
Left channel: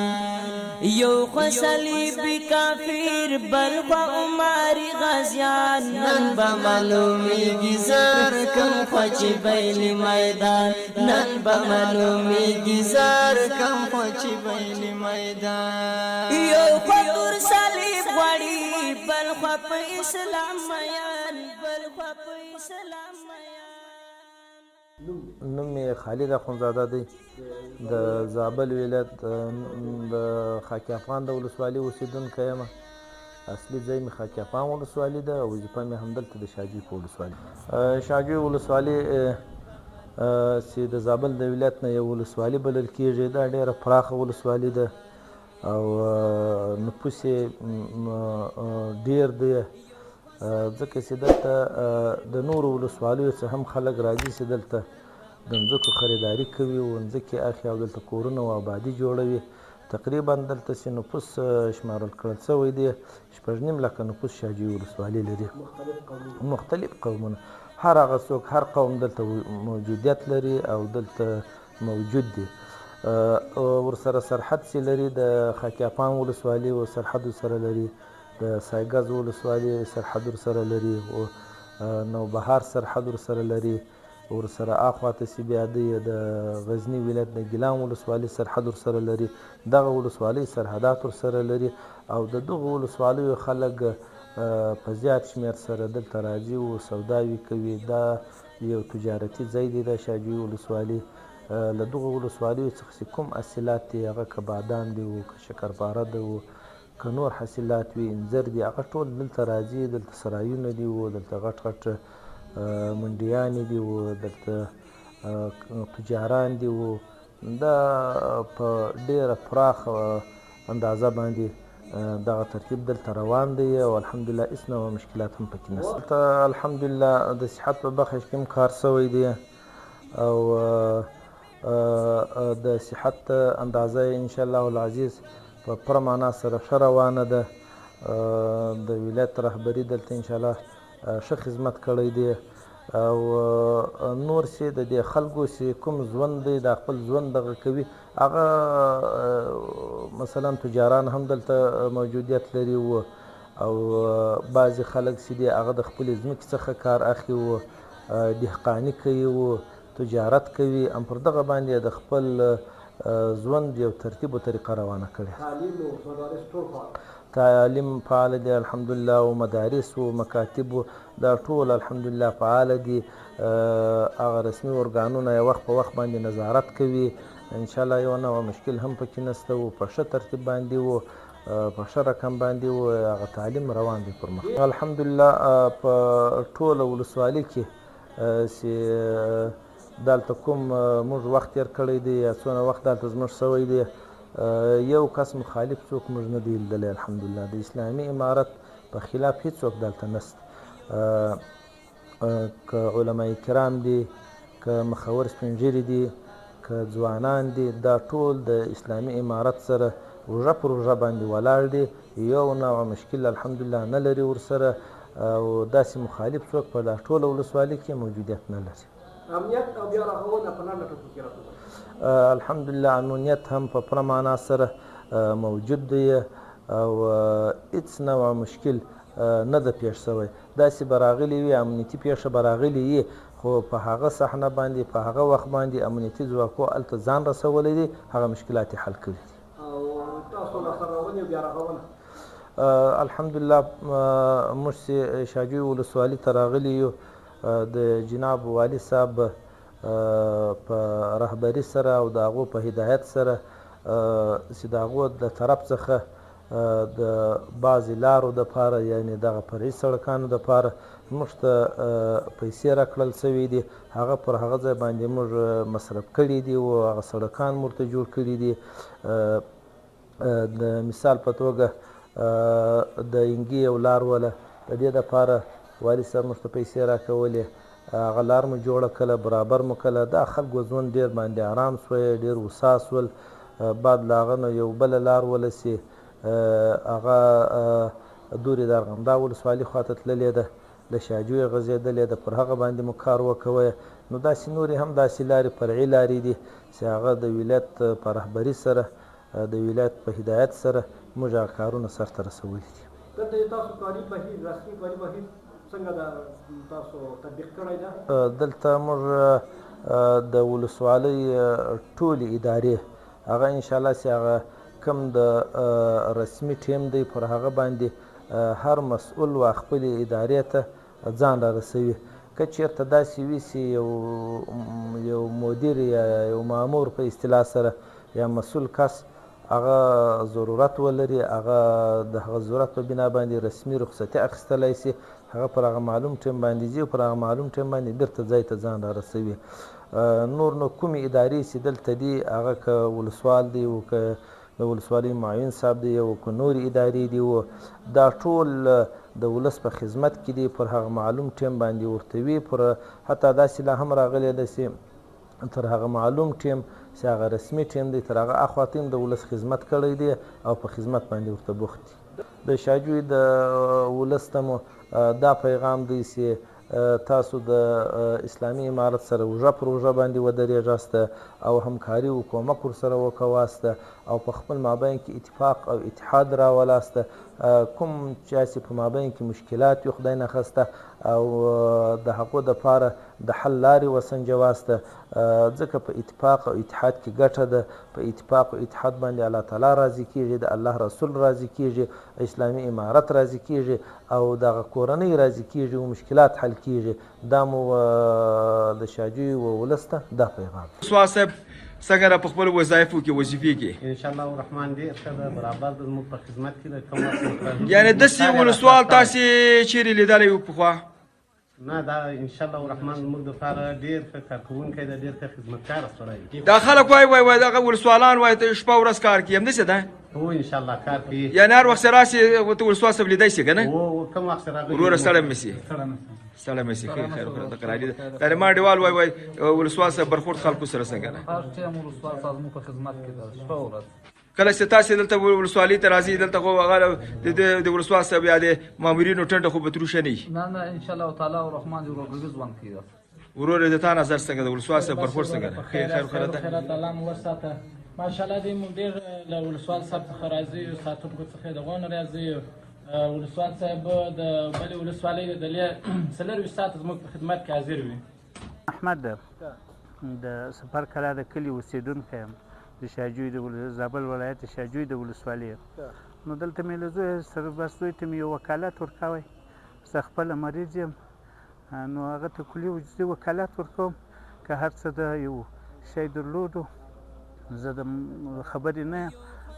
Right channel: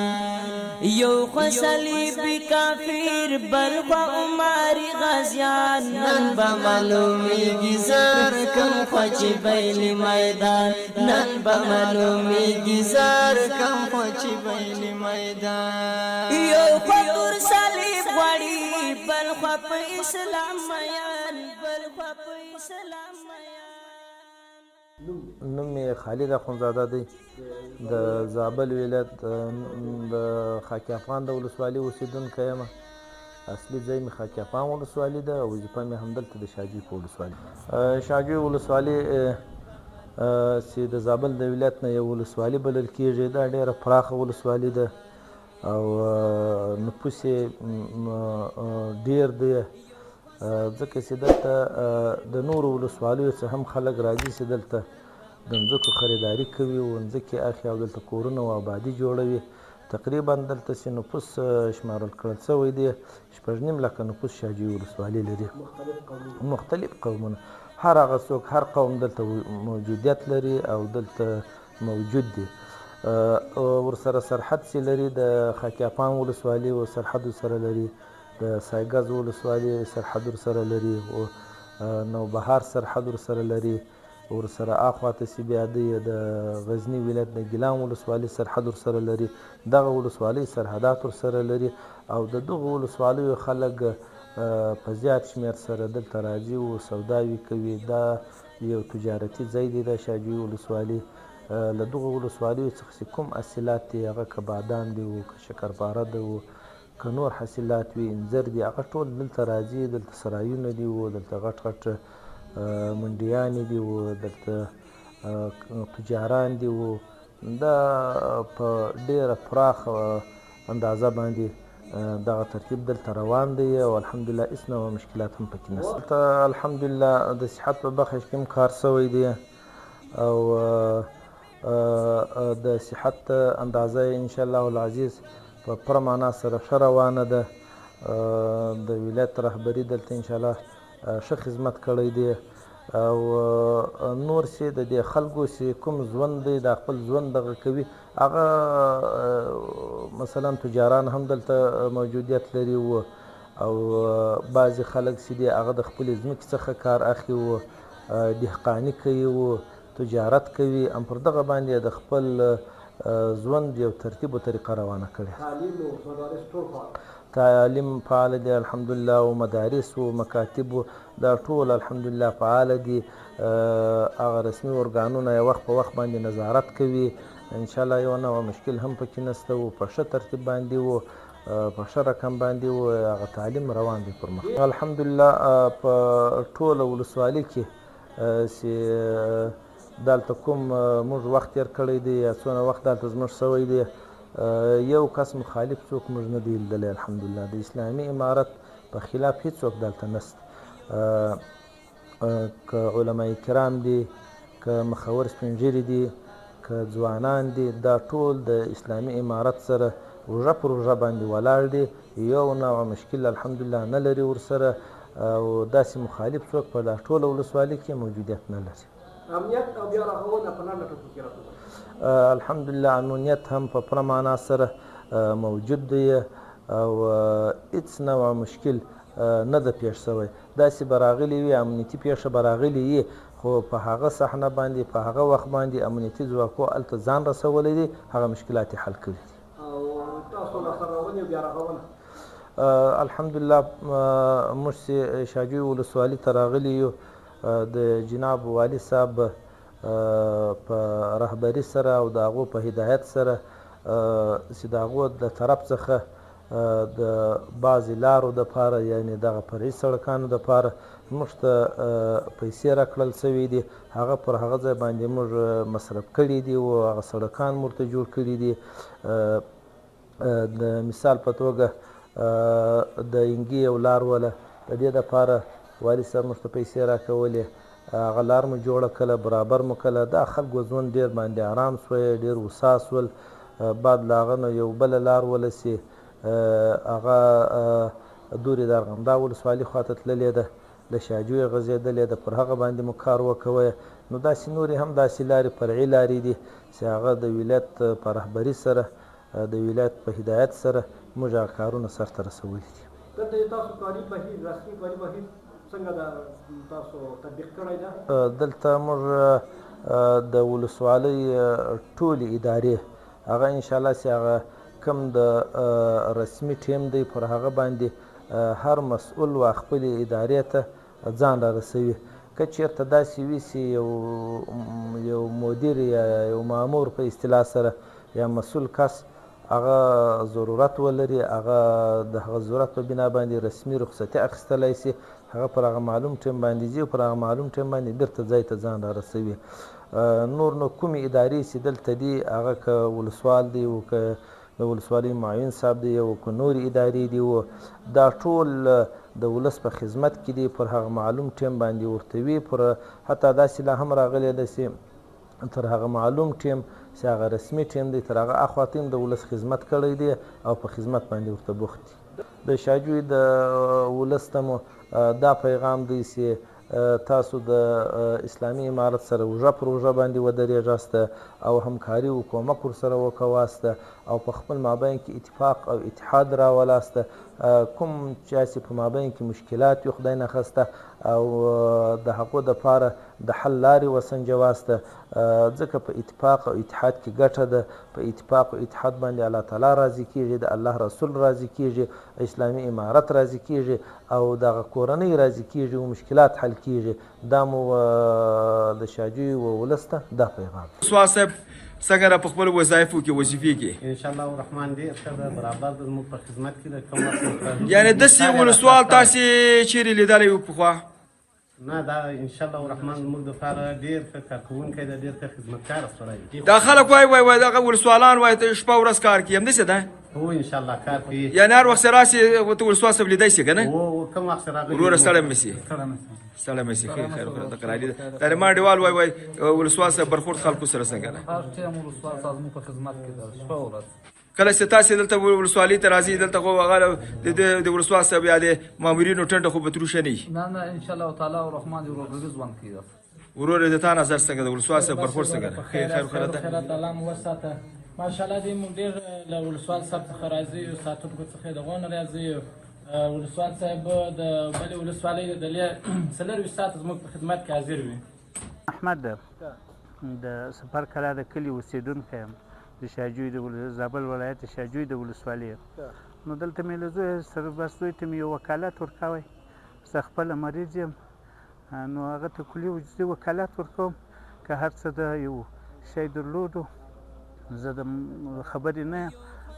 یو خوا صلیبی کافر بل خوا عمری غازیان نن با معلومیږي زر کم خوا چې بیل میدان نن با معلومیږي زر کم خوا چې بیل میدان یو خوا تور صلیب غواړي بل خوا په اسلام میان بل خوا په اسلام میان. نوم یې خالد اخندزاده دی د زابل ولایت د خاک افغان د ولسوالۍ اوسېدونکی یم. اصلي ځای مې خاک افغان ولسوالي ده او وظیفه مې همدلته د شاجوی په ولسوالي. شاجوی ولسوالي چې د زابل د ولایت نه یو ولسوالي بلل کېږي. دا ډېره پراخه ولسوالي ده او نفوس یې ډېر دی، ځکه چې دلته د نورو ولسوالیو څخه هم خلک راځي چې دلته د ځمکو خریداري کوي او ځمکې اخلي او دلته کورونه او آبادي جوړوي. تقریبا دلته چې نفوس شمارل کړل شوی دی 6.5 لکه نفوس شاجوی ولسوالي لري. مختلف قومونه، هر هغه څوک هر قوم دلته موجودیت لري او دلته موجود دی. ورسره سرحد چې لري د خاک افغان ولسوالي او سرحد سره لري، د سایګز ولسوالي سرحد ورسره لري او نوبهار سرحد ورسره لري. ورسره اخواته چې بیا د غزني ولایت د ګیلان ولسوالي سرحد ورسره لري. دغه ولسوالۍ سرحدات ورسره لري او د دغو ولسوالیو خلک په زیات شمېر سره دلته راځي او سوداوي کوي. دا یو تجارتي ځای دی د شاجوی ولسوالي. له دغو ولسوالیو څخه چې کوم حاصلات دي هغه که بادام دي او که شکرپاره ده او که نور حاصلات وي انځر دي هغه ټول دلته راځي. دلته سرایونه دي او دلته غټ غټ منډیانې دي او دلته تجاران دي او دا په ډېره پراخه اندازه باندې دغه ترتیب دلته روان دی او الحمدلله هېڅ نوع مشکلات هم پکې نشته. دلته الحمدلله د صحت په برخه کې هم کار شوی دی او د صحت اندازه انشاءالله العزیز په پوره معنا سره ښه روانه ده. د ولایت رهبري دلته انشاءالله ښه خدمت کړی دی او نور چې د دې خلکو چې کوم ژوند دی د خپل ژوند دغه کوي هغه مثلا تجاران هم دلته موجودیت لري او بعضې خلک چې دي هغه د خپلې ځمکې څخه کار اخلي او دهقاني کوي او تجارت کوي. هم پر دغه باندې د خپل ژوند یو ترتیب و طریقه روانه کړې. تعلیم فعال دی الحمدلله او مدارس او مکاتب دا ټول الحمدلله فعال دي. هغه رسمي ارګانونه یې وخت په وخت باندې نظارت کوي. انشاءالله یو نوع مشکل هم پکې نشته او په ښه ترتیب باندې او په ښه رقم باندې او هغه تعلیم روان دی پر مخ. الحمدلله په ټوله ولسوالي کې چې دلته کوم موږ وخت تېر کړی دی یا څونه وخت دلته زموږ شوی دی یو کس مخالف څوک موږ نه دی لیدلی. الحمدلله د اسلامي امارت په خلاف هېڅوک دلته نشته. که علماء کرام دي، که مخور سپین ږیري دي، که ځوانان دي، دا ټول د اسلامي امارت سره روژه پر روژه باندې ولاړ دي. یو نوع مشکل الحمدلله نه لري ورسره او داسې مخالف څوک په دا ټوله ولسوالي کې موجودیت نه لري. امنیت او بیا رغونه په لنډه ټکو کې راځي. الحمدلله امنیت هم په پوره معنا سره موجود دی او هېڅ نوع مشکل نه ده پیښ شوی. داسې به راغلي وي امنیتي پیښه به راغلې وي خو په هغه صحنه باندې په هغه وخت باندې امنیتي ځواکو هلته ځان رسولی دی، هغه مشکلات یې حل کړي دي. او تاسو لاسته راوړنې او بیا رغونه الحمدلله موږ چې شاجوی ولسوالي ته راغلي یو د جناب والي صاحب په رهبري سره او د هغو په هدایت سره چې د هغو د طرف څخه د بعضې لارو دپاره یعنې دغه فرعي سړکانو دپاره موږ ته پیسې راکړل شوي دي. هغه پر هغه ځای باندې موږ مصرف کړي دي او هغه سړکان موږ ته جوړ کړي دي. د مثال په توګه د انګي یو لار وله د دې دپاره والي صاحب موږ ته پیسې راکولې. هغه لار مو جوړه کړه، برابر مو کړه. دا خلکو ژوند ډېر باندې ارام سوی، ډېر هوسا سول. بعد له هغه نه یو بله لار وله چې هغه دورې د ارغنداب ولسوالي خواته تللې ده، له شاجوی غځېدلې ده، پر هغه باندې مو کار وکوی. نو داسې نورې هم داسې لارې فرعي لارې دي چې هغه د ولایت په رهبري سره د ولایت په هدایت سره موږ هغه کارونه سرته رسولي دي. دلته تاسو کاري بهیر رسمي کاري بهیر څنګه تاسو تطبیق کړی ده؟ دلته موږ د ولسوالۍ ټولې ادارې هغه انشاءالله چې هغه کوم د رسمي ټیم دی پر هغه باندې هر مسؤل و خپلې ادارې ته ځان را رسوي. که چېرته داسې وي چې یو مدیر یا یو مامور په اصطلاح سره یا مسؤل کس هغه ضرورت ولري، هغه د هغه ضرورت په بنا باندې رسمي رخصتي اخیستلی شي، هغه پر هغه معلوم ټیم باندې ځي او پر هغه معلوم ټیم باندې بیرته ځای ته ځان را رسوي. نور نو کومې ادارې چې دلته دي هغه که ولسوال دی او که د ولسوالۍ معاون صاحب دی او که نورې ادارې دي دا ټول د ولس په خدمت کې دي، پر هغه معلوم ټیم باندې ورته وي. پر حتی داسې لا هم راغلی ده چې تر هغه معلوم ټیم چې هغه رسمي ټیم دی تر هغه اخواته هم د ولس خدمت کړی دی او په خدمت باندې ورته بوخت دي. د شاجوی د ولس ته مو دا پیغام دی چې تاسو د اسلامي امارت سره اوږه پر اوږه باندې ودرېږاست او همکاري او کومک ورسره وکواست او په خپل مابین کې اتفاق او اتحاد راولاست. کوم چې په مابین کې مشکلات وي خدای نخواسته او د هغو دپاره د حل لارې وسنجواست، ځکه په اتفاق او اتحاد کې ګټه ده. په اتفاق او اتحاد باندې الله تعالی راضي کېږي، د الله رسول راضي کېږي، اسلامي امارت راضي کېږي او دغه کورنۍ راضي کېږي او مشکلات حل کېږي. دا مو د شاجوی و ولس ته دا پیغام. څنګه را په خپل وظایفو کې وظیفې کې انشاءالله الرحمن ډېر ښه ده، برابر ده، زموږ په خدمت کې ده. یعنې داسې ولسوال تاسې چیرې لیدلی و پخوا؟ نه، دا انشاءالله الرحمن زموږ دپاره ډېر ښه کارکوونکی ده، ډېر ښه خدمتکاره سړی دی. دا خلک وایي دغه ولسوالان وایي شپه ورځ کار کوي، همداسې ده؟ هو انشاءالله کار کوي. یعنې هر وخت چې راسې ورته ولسوال صاحب لیدی شي که نه؟ کوم وخت چې راغلی وروره ستړی مه سي، ستړی مه سي. خیر خیر د قراري ده. یعنې ما ډېوال وایي ولسوال صاحب برخورد خلکو سره څنګه ده؟ هر ټیم ولسوال صاحب زموږ په خدمت کې ده شپه ورځ. کله چې تاسې دلته ولسوالۍ ته راځئ دلته خو هغه د ولسوال صاحب یا د مامورینو ټنډه خو به تروشه نه وي؟ نه انشاءالله تعالی الرحمن د ورورګلوي ژوند کوي. وروره د تا نظر څنګه د ولسوال صاحب برخورد څنګه ده؟ خیر خیر ده. الله مو وساته ماشاءالله دې موږ ډېر له ولسوال صاحب څخه راځي، ساتونکو څخه دغونه راځي. ولسوال صاحب د بلې ولسوالۍ د 24 ساعته زموږ په خدمت کې حاضر وي. احمد د سفر کلا د کلي اوسېدونکی یم، د شاجوی د زابل ولایت شاجوی د ولسوالۍ. نو دلته مې له زوی سره بس زوی ته مې یو وکالت ورکوی، زه خپله مریض یم، نو هغه ته کلي وجودي وکالت ورکوم. که هر څه د یو شی درلودو زه د خبرې نه یم،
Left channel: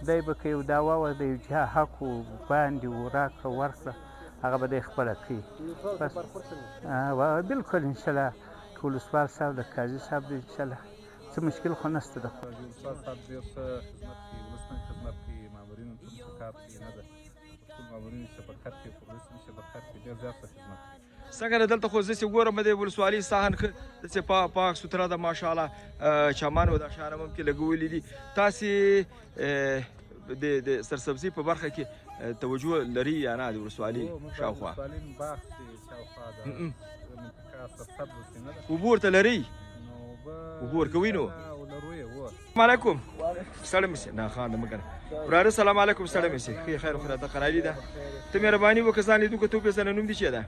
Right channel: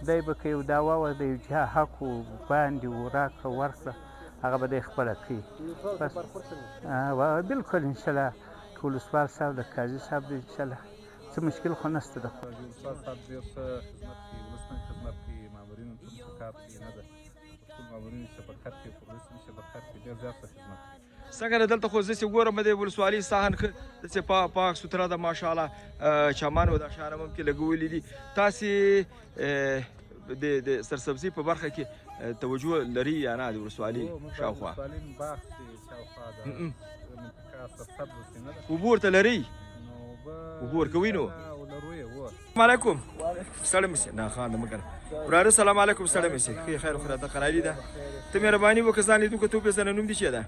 دی به که یو دعوا وه د یو چا حق و باندې و راکړه ورکړه هغه به دی خپله کوي. بس بلکل انشاءالله که ولسوال صاحب د قاضي صاحب دی انشاءالله څه مشکل خو نشته ده. ولسوال صاحب ډېر ښه خدمت کوي، ولس ته خدمت کوي، مامورینو ته ښه کار کوي، نه ده په ټول مامورینو شفقت کوي، په ولس کې شفقت کوي، ډېر زیات ښه خدمت کوي. څنګه ده دلته خو زه چې ګورم د ولسوالۍ ساحن ښه داسې پاک سوتره ده ماشاءالله، چمان و دا شیان هم کې لګولي دي. تاسې د سرسبزي په برخه کې توجه لري یا نه د ولسوالۍ شاوخوا؟ ولسوالۍ باغ دی شاوخوا ده، منطقه سرسبزه چې نه ده. اوبه ورته لرئ؟ اوبه ورکوئ نو؟ لرو یې و. السلام علیکم. ستړی مه سې، نه خان مه کنه وراره. سلام علیکم. ستړی مه سې، ښه خیر خو راته قراري ده. ته مهرباني وکړه ځان لیدو که ته وپېژنه. نوم دې چی ده؟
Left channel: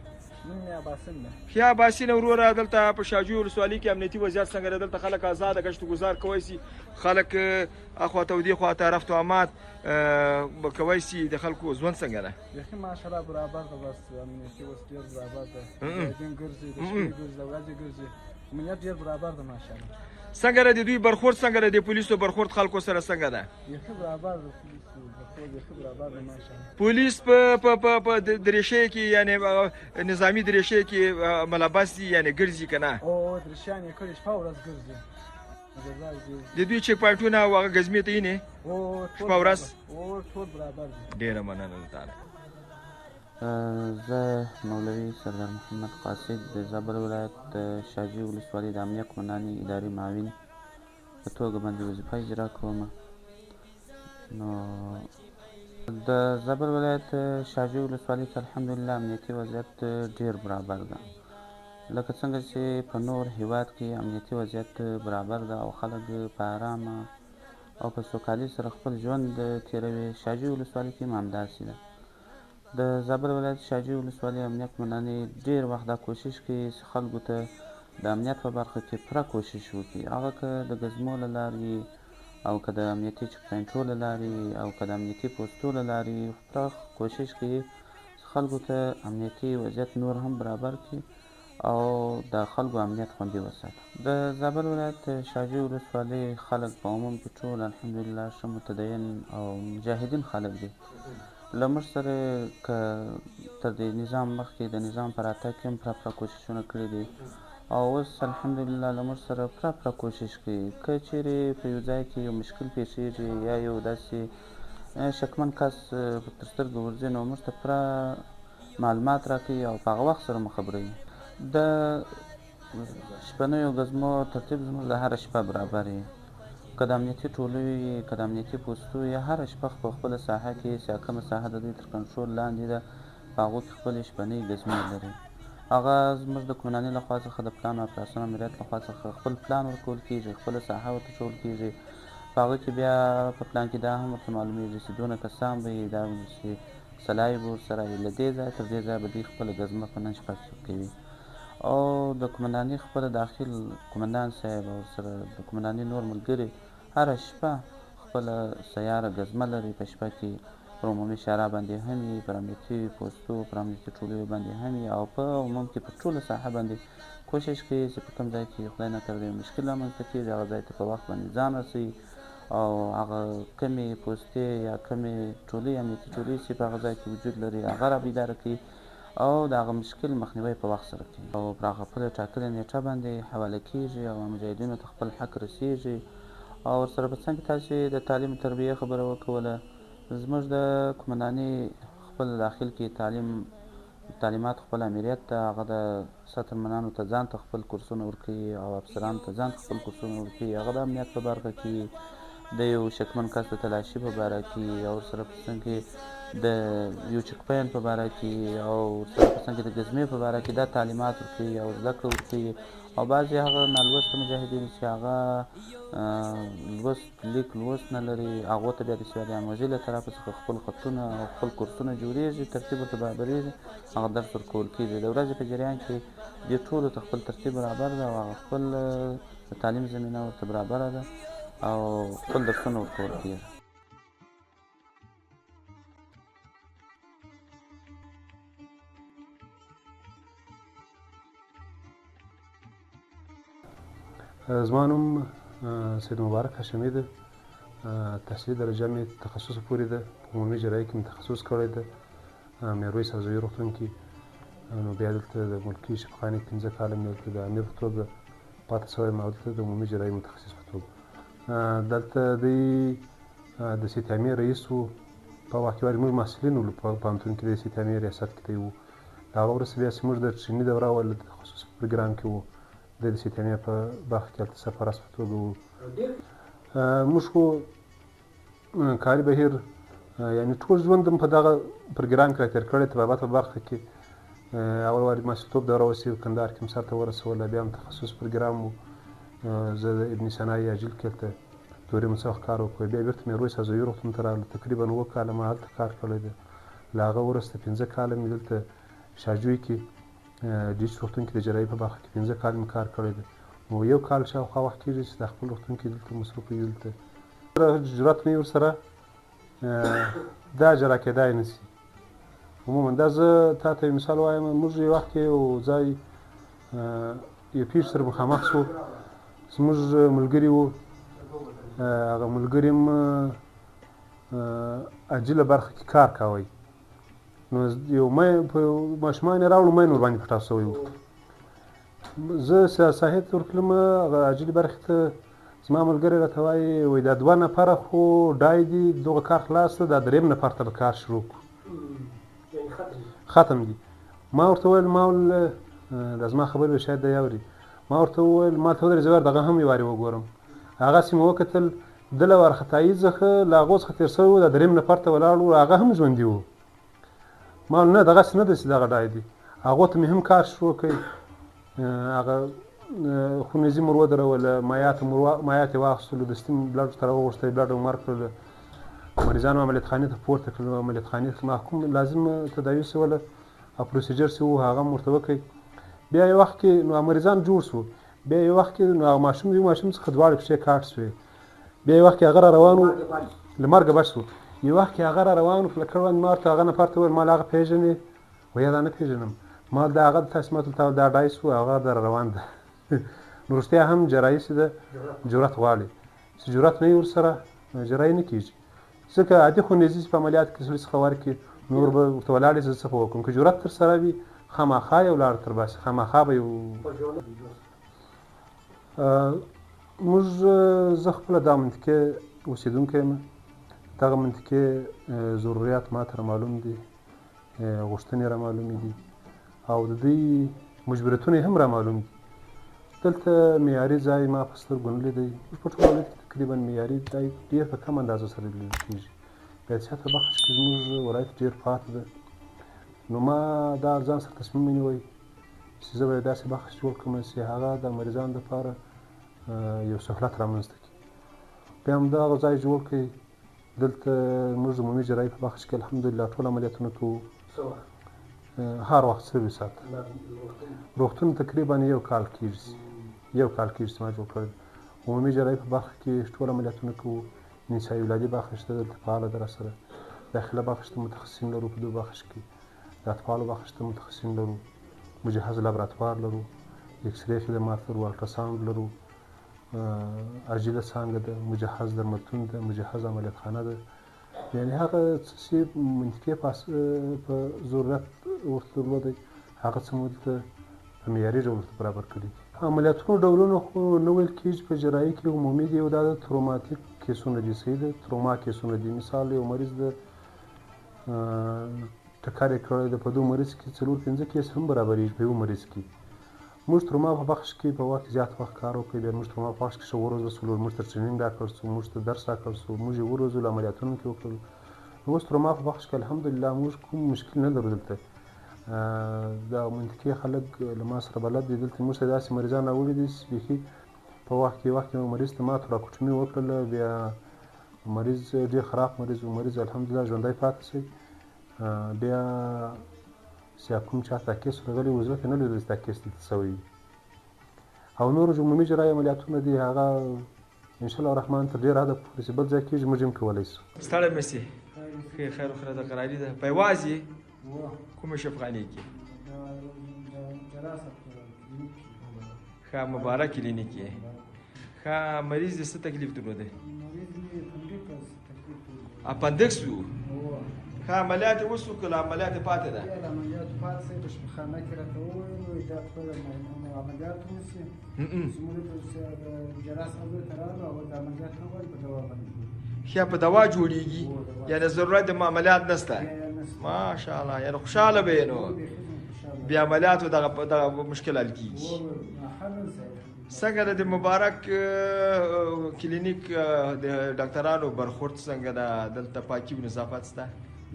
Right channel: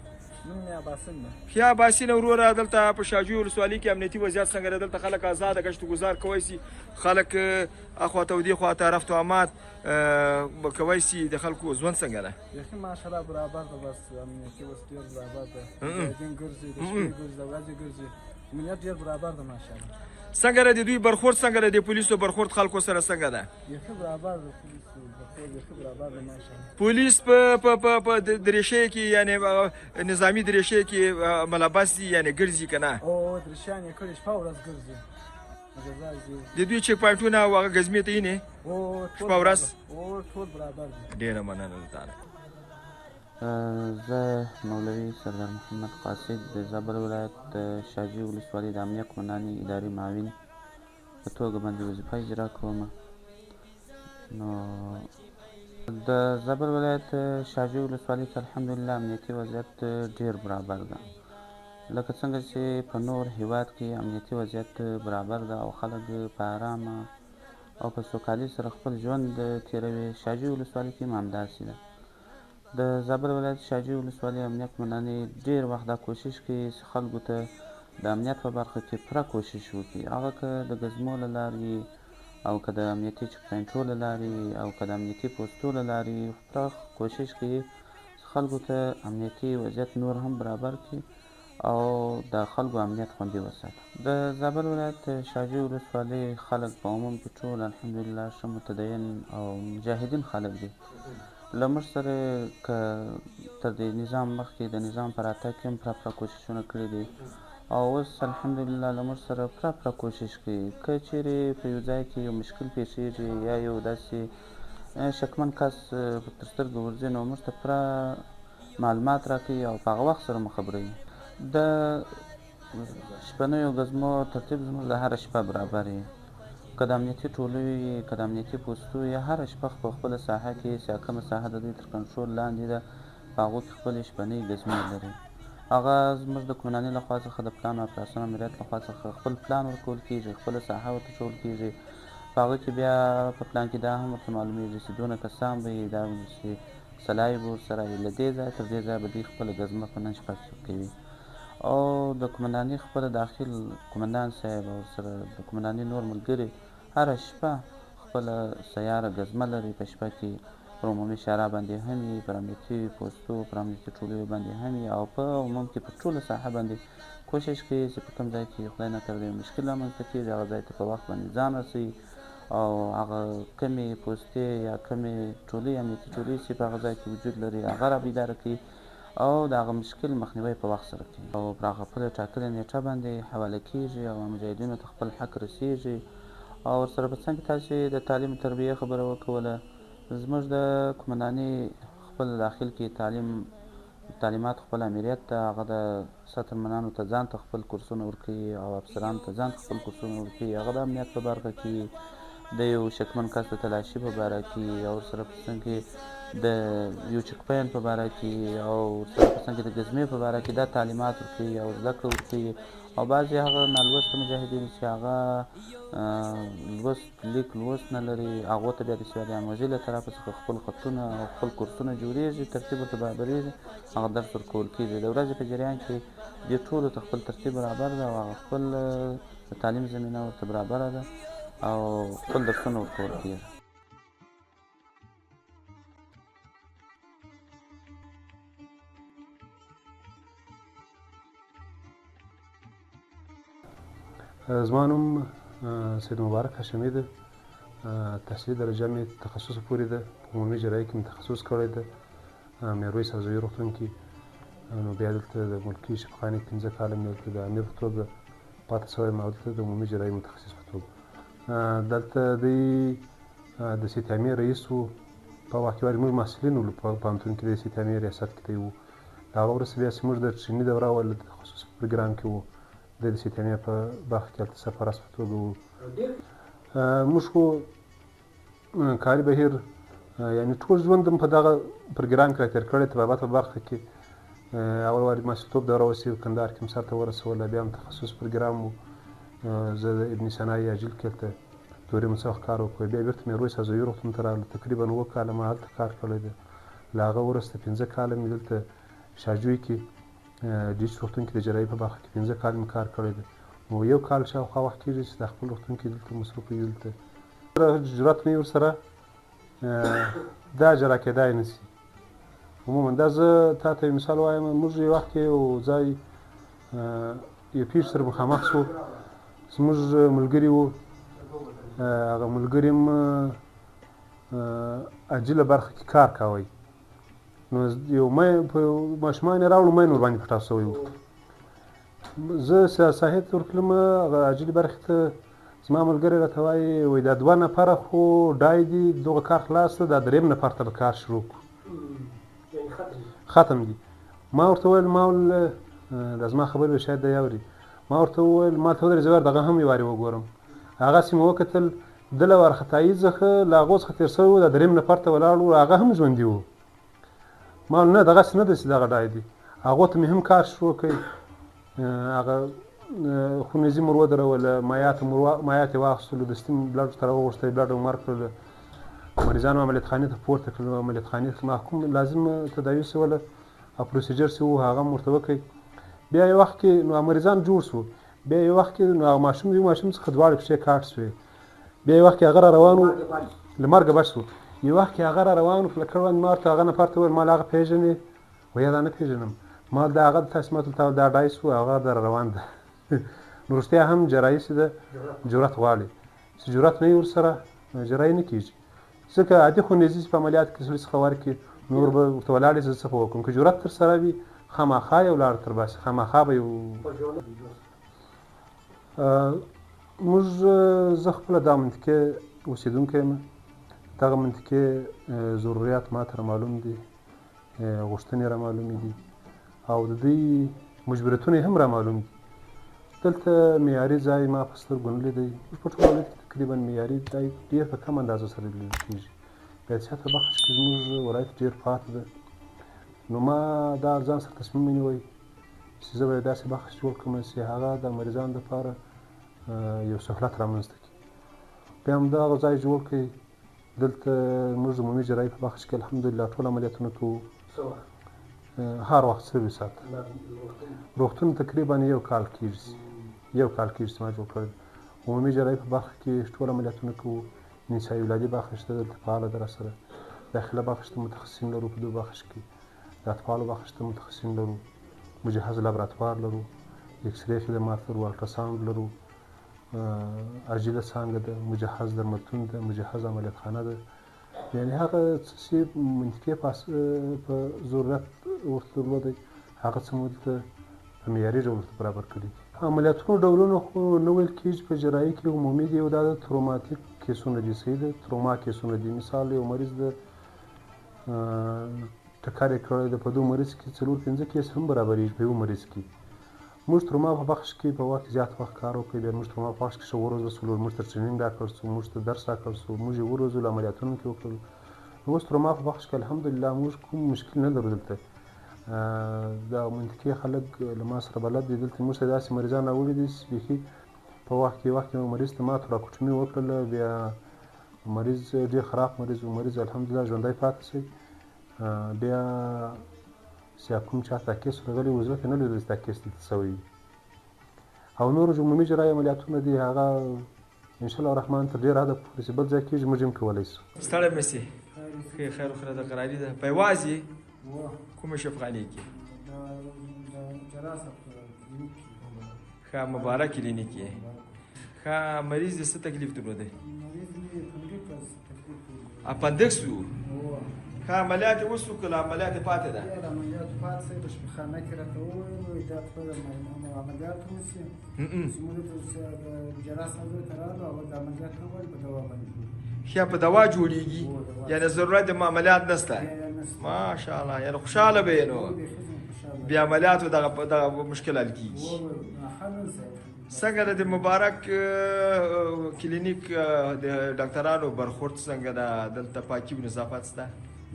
ښه اباسین وروره. دلته په شاجوی ولسوالۍ کې امنیتي وضعیت څنګه ده؟ دلته خلک ازاده ګشت ګزار کوی سي، خلک اخواته او دې خواته رفت و آمد به کوی سي، د خلکو ژوند څنګه ده؟ یخي ماشاءالله برابر ده، بس امنیتي وضعیت ډېر برابر ده، دین ګرځي، د شپې ګرځي، د ورځې ګرځي، امنیت ډېر برابر ده ماشاءالله. څنګه ده د دوی برخورد څنګه ده؟ د پولیسو برخورد خلکو سره څنګه ده؟ یخي برابر ده، یخي برابر ده ماشاءالله. پولیس په دریشۍ کې یعنې نظامي دریشۍ کې ملبس دي یعنې ګرځي که نه؟ دریشیان یې کړي شپه ورځ ګرځي. د دوی چیک پواینټونه او هغه ګزمې ته یې شپه ورځ؟ ټول برابر دي. ډېره مننه له تا نه. زه مولوي سردار محمد قاصد د زابل ولایت د شاجوی ولسوالۍ د امنیه قمندانۍ ادارې معاون په توګه باندې وظیفه اجرا کوم. نو د زابل ولایت شاجوی ولسوالۍ کې الحمدلله امنیتي وضعیت ډېر برابر ده، لکه څنګه چې په نور هیواد کې امنیتي وضعیت برابر ده او خلک په ارامه او په سوکالۍ سره خپل ژوند تېروي. شاجوی ولسوالۍ کې هم همداسې ده. د زابل ولایت شاجوی ولسوالۍ امنیت قومندانې ډېر وخت دا کوشش کوي چې خلکو ته د امنیت په برخه کې پوره کوشش وکړي، هغه که د ګزمو له لارې او که د امنیتي چک پوینټو له لارې او که د امنیتي پوستو له لارې پوره کوشش کوي چې خلکو ته امنیتي وضعیت نور هم برابر کړي او د خلکو امنیت خوندي وساتي. د زابل ولایت شاجوی ولسوالۍ خلک په عموم کې ټول الحمدلله ښه متدین او مجاهدین خلک دي. له موږ سره که تر دې نظام مخکې د نظام په راتګ کې هم پوره کوششونه کړي دي او اوس الحمدلله له موږ سره پوره کوشش کوي. که چیرې په یو ځای کې یو مشکل پیښیږي یا یو داسې شکمن کس تر سترګو ورځي نو موږ ته پوره معلومات راکوي او په هغه وخت سره مو خبروي. د شپنیو ګزمو ترتیب زموږ د هره شپه برابر وي، که د امنیتي ټولۍ وي که د امنیتي پوستو یا هره شپه په خپله ساحه کې چې کومه ساحه د دوی تر کنټرول لاندې ده په هغو کې خپلې شپنۍ ګزمې لري. هغه زموږ د قومندانۍ لخوا څخه د پلان او اپراسیون امریت لخوا څخه خپل پلان ورکول کېږي، خپله ساحه ورته ښول کېږي. په هغه کې بیا په پلان کې دا هم ورته معلومیږي چې دونه کسان به یې دا چې سلای به ورسره له دې ځایه تر دې ځایه به دوی خپله ګزمه په نن شپه کې کوي او د قومندانۍ خپله داخل قومندان صاحب او ورسره د قومندانۍ نور ملګري هره شپه خپله سیاره ګزمه لري. په شپه کې پر عمومي شارع باندې هم وي، پر امنیتي پوستو پر امنیتي ټولیو باندې هم وي او په عموم کې په ټوله ساحه باندې کوشش کوي چې په کوم ځای کې خدای نکرده یو مشکل رامنځته کېږي هغه ځای ته په وخت باندې ځان رسوي او هغه کمې پوستې یا کمې ټولۍ امنیتي ټولۍ چې په هغه ځای کې وجود لري هغه رابیداره کوي او د هغه مشکل مخنیوی په وخت سره کوي او پر هغه خپله ټاکلې نیټه باندې حواله کېږي او مجاهدینو ته خپل حق رسېږي. او ورسره په څنګ کې تاسې د تعلیم تربیې خبره وکوله. زموږ د قومندانۍ خپل داخل کې تعلیمات خپل امریت ته هغه د سطرمنانو ته ځان ته خپل کورسونه ورکوي او افسرانو ته ځان ته خپل کورسونه ورکوي. هغه د امنیت په برخه کې د یو شکمن کس د تلاشي په باره کې او ورسره په څنګ کې د یو چک پوینټ په باره کې او ورسره په څنګ کې د ګزمې په باره کې دا تعلیمات ورکوي او زده کړه ورکوي. او بعضې هغه نالوسته مجاهدین چې هغه لیک لوست نه لري هغو ته بیا د سواد آموزي له طرفه څخه خپل خطونه او خپل کورسونه جوړېږي، ترتیب ورته برابرېږي، هغه درس ورکول کېږي. د ورځې په جریان کې دې ټولو ته خپل ترتیب برابر ده او هغه خپل د تعلیم زمینه ورته برابره ده او خپل درسونه ورکول کېږي. زما نوم سید مبارک هاشمي ده. تحصیلي درجه مې تخصص پورې ده. په عمومي جراحي کې مې تخصص کړی ده میرویس هوزوي روغتون کې. نو بیا دلته د ملکي شفاخانې 15 کاله مې دلته د امیر په توګه پاتې شوی یم او دلته د عمومي جراحي متخصص په توګه. دلته دوی د سیتامې رئیس وو. په وخت کې موږ محصلین وو په پوهنتون کې د سیتامې ریاست کې دی وو. د هغه وروسته بیا چې موږ د ټریني دوره وه د تخصص پروګرام کې وو. د سیتامې په برخه کې هلته سرپرست په توګه وو. موږ خو کاري بهیر یعنې ټول ژوند په دغه پروګرام کې راتېر کړی. طبابت په برخه کې اول وارې محصلتوب دوره وسي کندهار کې مې سرته ورسوله. بیا هم تخصص پروګرام وو. زه د ابن سینا یاجل کې هلته دورې مو څه وخت کار وکړی. بیا بېرته میرویس هوزوي روغتون ته راغلو. تقریبا 7 کاله ما هلته کار کړی دی. له هغه وروسته 15 کاله مې دلته شاجوی کې ډیچ روغتون کې د جراحي په برخه کې 15 کال مې کار کړی دی. نو 1 کال شاوخوا وخت کېږي چې د خپل روغتون کې دلته مصروف یم. دلته جرأت نه وي ورسره دا اجرا کېدای نه شي. عموما دا زه تا ته یو مثال وایم. موږ یو وخت کې یو ځای یو پیښ سره مخامخ شو. زموږ ملګري وو. هغه ملګري هم عاجله برخه کې کار کوی. نو یو ماشومان یې راوړو مین ورباندې پټاو شوی و. زه ساحې ته ورتلم هغه عاجلې برخې ته. زما ملګری راته وایي وایي دا 2 نفره خو ډای دي دغه کار خلاص ده دا 3 نفر ته به کار شروع کړو ختم دي. ما ورته وویل دا زما خبرې به شاید دی اوري. ما ورته وویل ما ته ودرې زه دغه هم یو وارې وګورم. هغسې مې وکتل ده له وارخطایي څخه له هغو څخه تېر شوی و دا 3 نفر ته ولاړ و هغه هم ژوندي و. ما ویل نه دغسې نه ده چې دغه ډای دي. هغو ته مې هم کار شروع کړی. هغه خونریزي مو ودروله مایعات یې واخیستلو دستي بلډ ته راوغوښتی بلډ مو ورکړل مریضانو عملیات خانې ته پورته کړل عملیات خانې ته محکوم لازم تداوي سوله او پروسیجر چې و هغه هم ورته وکړئ بیا یو وخت کې نو مریضان جوړ شو بیا یو وخت کې نو هغه ماشوم د یو ماشوم څخه دواړه پښې کاټ شوې بیا یو وخت کې هغه را روان و له مرګه بچ شو یو وخت کې هغه را روان و په لکړ باندې ما ورته هغه نفر ته وویل ما هغه پېژنې ویل دا نه پېژنم ما د هغه د تاسمات دا ډایس و هغه در روان ده نو رښتیا هم جراحي چې ده جرأت غواړي چې جرأت نه وي ورسره جراحي نه کېږي ځکه عادي خونریزي چې په عملیات کې سړي څخه ورکړي نور به ورته ولاړې زه څه به وکړم که جرأت در سره وي خامخا یو لار تر باسي خامخا به یو موږ زه خپله دا منطقې اوسېدونکی یم دغه منطقې ضروريات ما ته رامعلوم دي غوښتنې رامعلومې دي او د دوی مجبوریتونه یې هم رامعلوم دي دلته معیاري ځای ما په سترګو نه لیدی موږ په ټول ولایت کې تقریبا معیاري ځای ډېر په کم اندازه سره لیدل کېږي په حیثیت بخش کې زموږ ولایت ډېر پاتې ده نو ما دا ځان سره تصمیم ونیوی چې زه به داسې بخش جوړ کړم چې هغه د مریضانو دپاره یو سهولت رامنځته کړي بیا همدغه ځای جوړ کړئ دلته موږ د عمومي جراحي په بخش کې الحمدلله ټول عملیاتونه کوو هر وخت سرویس ساته روغتون تقریبا یو کال کېږي چې ما جوړ کړی عمومي جراحي په بخش کې ټول عملیاتونه کوو نسایي ولادي بخش ته دلته فعاله ده راسره داخله بخش ته متخصصین لرو په دو بخش کې د اطفالو بخش ته متخصصین لرو مجهز لابراتوار لرو اکسرې خدمات لرو الټراساوند لرو عاجله څانګه ده مجهز درملتون ده مجهز عملیات خانه ده یعنې هغه څه چې منطقې په ضرورت ورته درلودی هغه څه مو دلته په معیاري ډول ورته برابر کړي عملیاتونو ډولونه خو نه ویل کېږي په جراحي کې عمومي دي او دا د تروماتیک کیسونه دي صحیح ده تروما کیسونه دي مثال یو مریض د ټکر یې کړی ده په دو مریض کې 4-5 کیس هم برابرېږي په یو مریض کې موږ تروما په بخش کې په وخت زیات وخت کار وکړی بیا موږ تروما په بخش کې ښه وروزلو موږ ته ټرینینګ راکړل شو موږ ته درس راکړل شو موږ یې وروزلو عملیاتونه کې وکړل اوس تروما په بخش کې الحمدلله موږ کوم مشکل نه لرو دلته دا منطقې خلک له ما سره بلد دي دلته موږ ته داسې مریضان راوړي دي چې بیخي په وخت کې مریض ته ماتو راکوټمي وکړله بیا مریض ډېر خراب مریض و مریض الحمدلله ژوندی پاتې شي بیا چې کوم چا ته کیس راغلی و زه نه لیدل چې دا کیس دلته سوی او نور عمومي جراحي عملیاتونه دي هغه انشاءالله الرحمن تر ډېر حده پورې چې بل ځای کېږي موږ هم کولی شو ستړی مه سې خیر وخوره د قراري ده په یوازې کومه شفخانې کې ښه مبارک کلینیک یې ښه مریض دې څه تکلیف درلودی اپندکس و ښه عملیات یې وشو که له عملیات یې پاتې ده ښه په دوا جوړیږي یعنې ضرورت د عملیات نشته ماشاءالله یعنې خوشحاله به یې نو بیا عملیاتو دغه مشکل حل کېږي څنګه د مبارک کلینیک د ډاکټرانو برخورد څنګه ده دلته پاکي او نظافت شته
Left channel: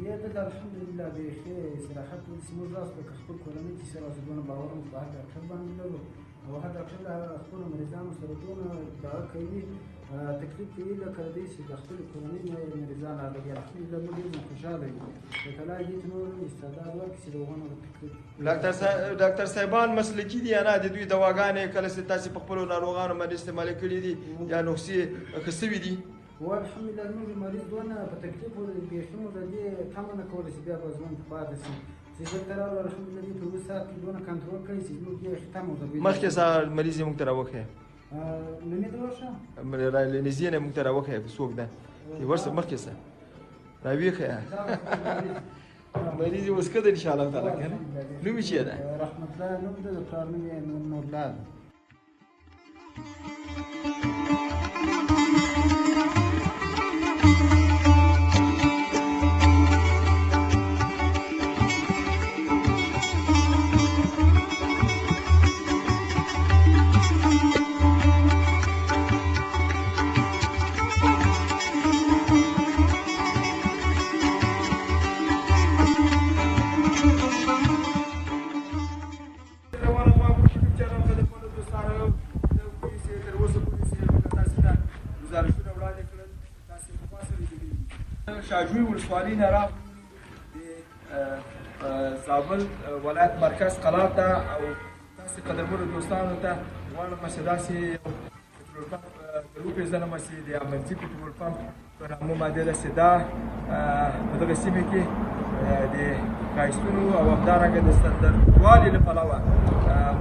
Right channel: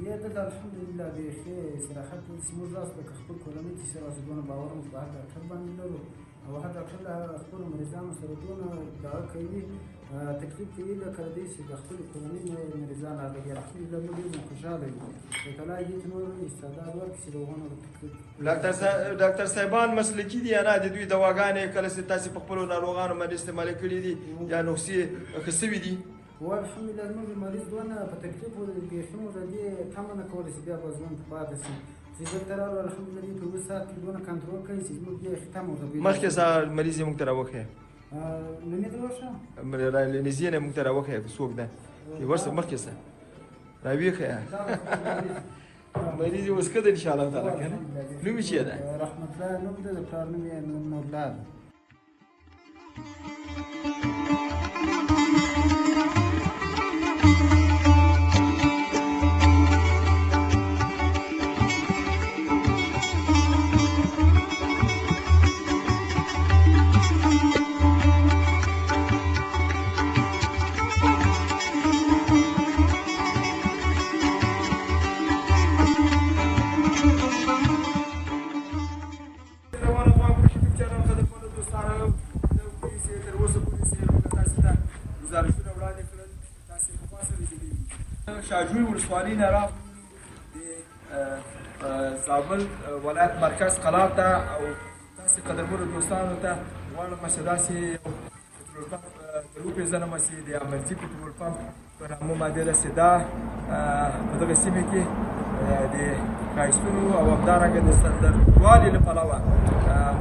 یا دلته الحمدلله بیخي صراحت زموږ راس لکه خپل کورنۍ چې سره دونه باور موږ په هغه ډاکټر باندې لرو او هغه ډاکټر د خپلو مریضانو سره دونه دغه کوي تکلیف کوي لکه دی چې د خپلې کورنۍ مریضان هغه الحمدلله موږ ډېر خوشحاله یو وتعالی دې ته نور استعداد ورکړي چې د هغوی تکلیف ډاکټر صاحبان مسلکي دي یا نه د دوی دواګانې کله چې تاسې په خپلو ناروغانو باندې استعمالې کړي دي یا نسخې ښه سوي دي والحمدلله زموږ مریض دونه په تکلیف بیخي موږ د دې تمه نه کوله چې بیا به ژوند پاتې شي چې دلته راغلو الحمدلله دې په 2 ساعت کې دونه کنټرول کوي چې زموږ دې تمه ورته مخکې مریض یې موږ ته راوښیه نننی ته ورشه نږدې نه موږ ته راوښیه څوک ده ورسه مخکې څه راویښیه مریض یې اوس ښه ده انشاءالله تعالی که نه نوم یې چې ده رحمت الله نوم ده د پلار نوم یې نورلال شاجوی ولسوالۍ نه راغلو زابل ولایت مرکز قلات ته او داسې قدرمنو دوستانو ته غواړم چې داسې پټرول پمپ در وپېژنم چې د امنځي پټرول پمپ په نامه باندې داسې دا په دغه سیمه کې د ښایستونو او همدارنګه د ستندردوالي له پلوه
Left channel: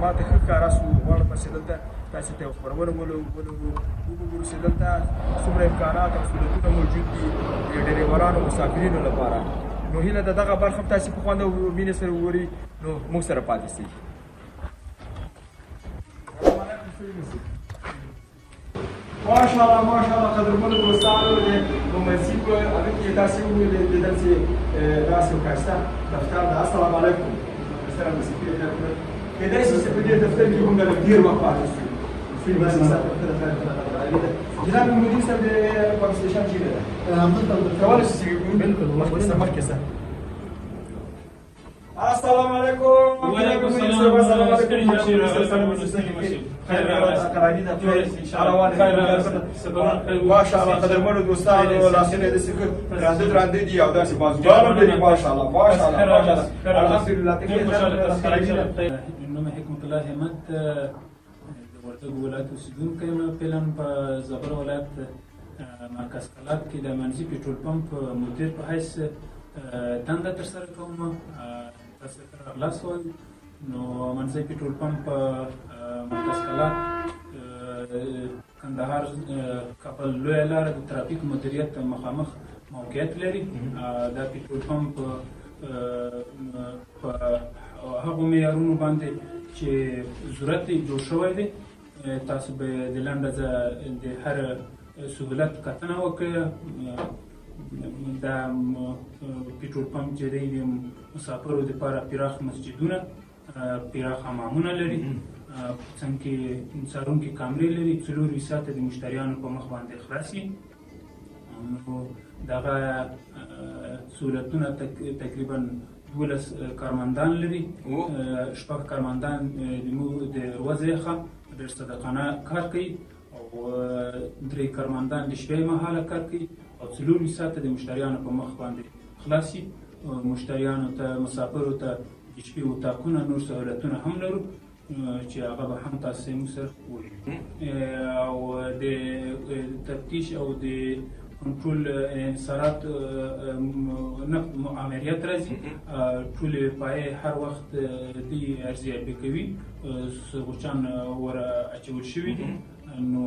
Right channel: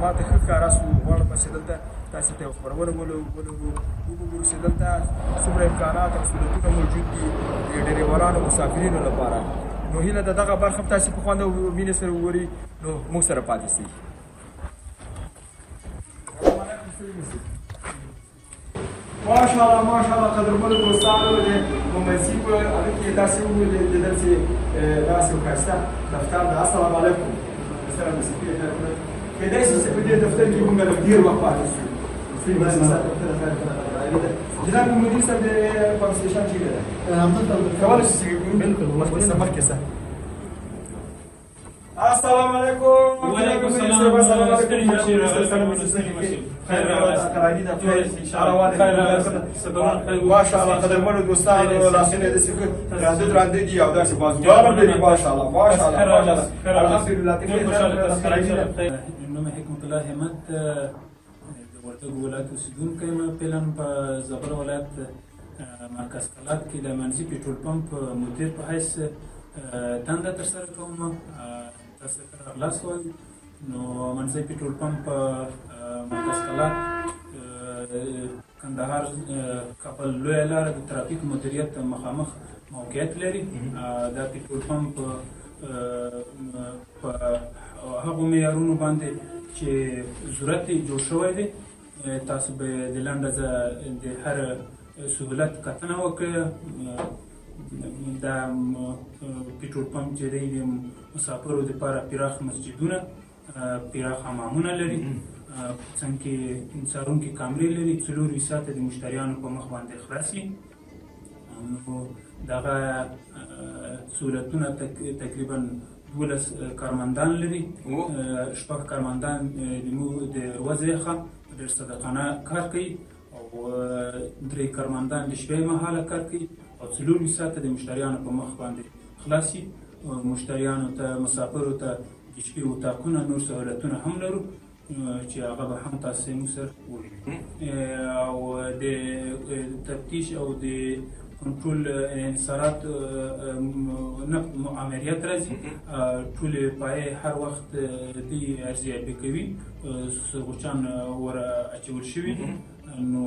ما ته ښه ښکاره شو. غواړم چې دلته تاسې ته یو خپرونه وګورو چې دلته څومره امکانات او سهولتونه موجود دي د ډریورانو مسافرینو لپاره. نو هیله ده دغه برخه تاسې په خوند او مینې سره وګورئ نو موږ سره پاتې شئ. ماشاءالله ماشاءالله قدرمنو دوستانو د ممزي په هغه کې تاسې ولیدل چې داسې یو ښایسته دفتر ده. السلام علیکم. سره د سکرټ کېدای شي چې په دې دفتر کې موږ له ډېر وخت پاتې شو. جناب مدیر صاحب د پمپ سټیشن چیرې ده؟ همدلته کولی شئ چې بالکل مخکې مخکې سه. السلام علیکم. وعلیکم السلام. ماشاءالله قدرمنو دوستانو لاسونه داسې درانده درانده دي او داسې بازوګان لري. ماشاءالله ماشاءالله ماشاءالله الحمدلله. نوم حکمت الله همت د وردګو ولایت اوسېدونکی یم. فعلا په زابل ولایت مرکز قلات کې د منځي پټرول پمپ مدیر په حیث دنده ترسره کوم. تاسو ته راغلاست وایم. نو منځي پټرول پمپ مرکز قلات کندهار کابل لویه لاره د ترافیک مدیریت مخامخ موقعیت لري. دا پټرول پمپ په هغو معیارونو باندې چې ضرورت یې جوړ شوی دی. تاسو به د لنډه د هر سهولت کتنه وکړئ. دا پټرول پمپ چې دی د مسافرو دپاره پراخ مسجدونه، پراخ حمامونه لري، څنګ کې څارونکي کامرې لري، 24 ساعته د مشتریانو په مخ باندې خلاصي. نو دغه سهولتونه تقریبا 12 کارمندان لري. 6 کارمندان د ورځې څخه ډېر صادقانه کار کوي او 3 کارمندان د شپې مهاله کار کوي او 24 ساعته د مشتریانو په مخ باندې خلاصي. مشتریانو ته مسافرو ته د شپې اتاقونه نور سهولتونه هم لرو چې هغه به هم تاسې موږ سره ووینو. او د تفتیش او د کنټرول انحصارات امریت راځي. ټولې پایې هر وخت دې ارزیابي کوي. سوچان ور اچول شوي دي. نو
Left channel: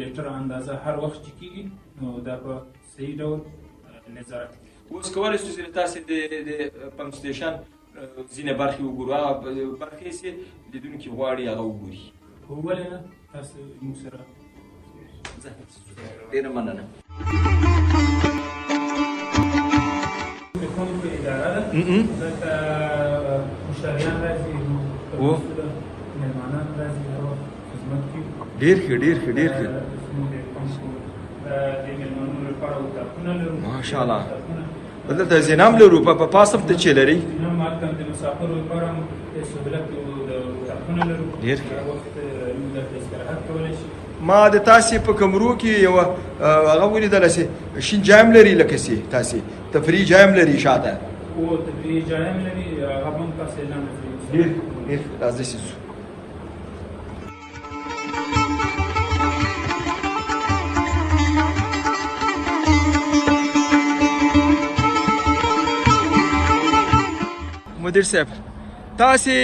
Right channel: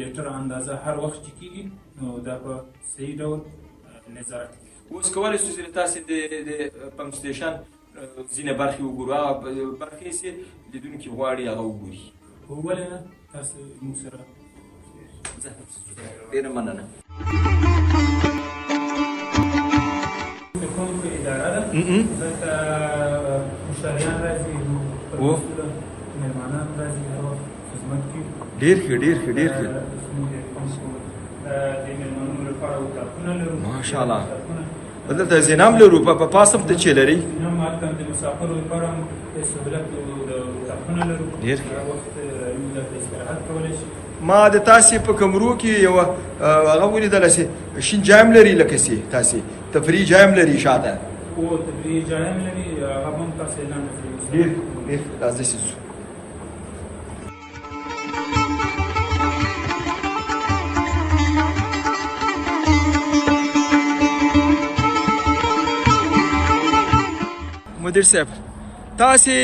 لیټر اندازه هر وخت چې کېږي نو دا په صحیح ډول نظارت کوي. اوس کولی شو چې تاسې د پمپ سټیشن ځینې برخې وګورو. هغه برخې چې لیدونکي غواړي هغه وګوري. ولې نه؟ تاسې موږ سره ډېره مننه. د پمپ اداره ده. دلته مشتریان راځي، مېلمانان راځي، هغه خدمت کوي. ډېر ښه ډېر ښه ډېر ښه. ماشاءالله. دلته زینام لرو. په پاسم ته چې لري د مسافرو لپاره د سهولت اتاقونه لرو. ډېر ښه. ما د تاسې په کمرو کې یو هغه ولیدله چې شین جایم لري، لکه چې تاسې تفریح جایم لري شاته. هو تفریح جایم لري. هغه هم تاسې اعلان کوي. ډېر ډېر راځئ چې ځو. مدیر صاحب، تاسې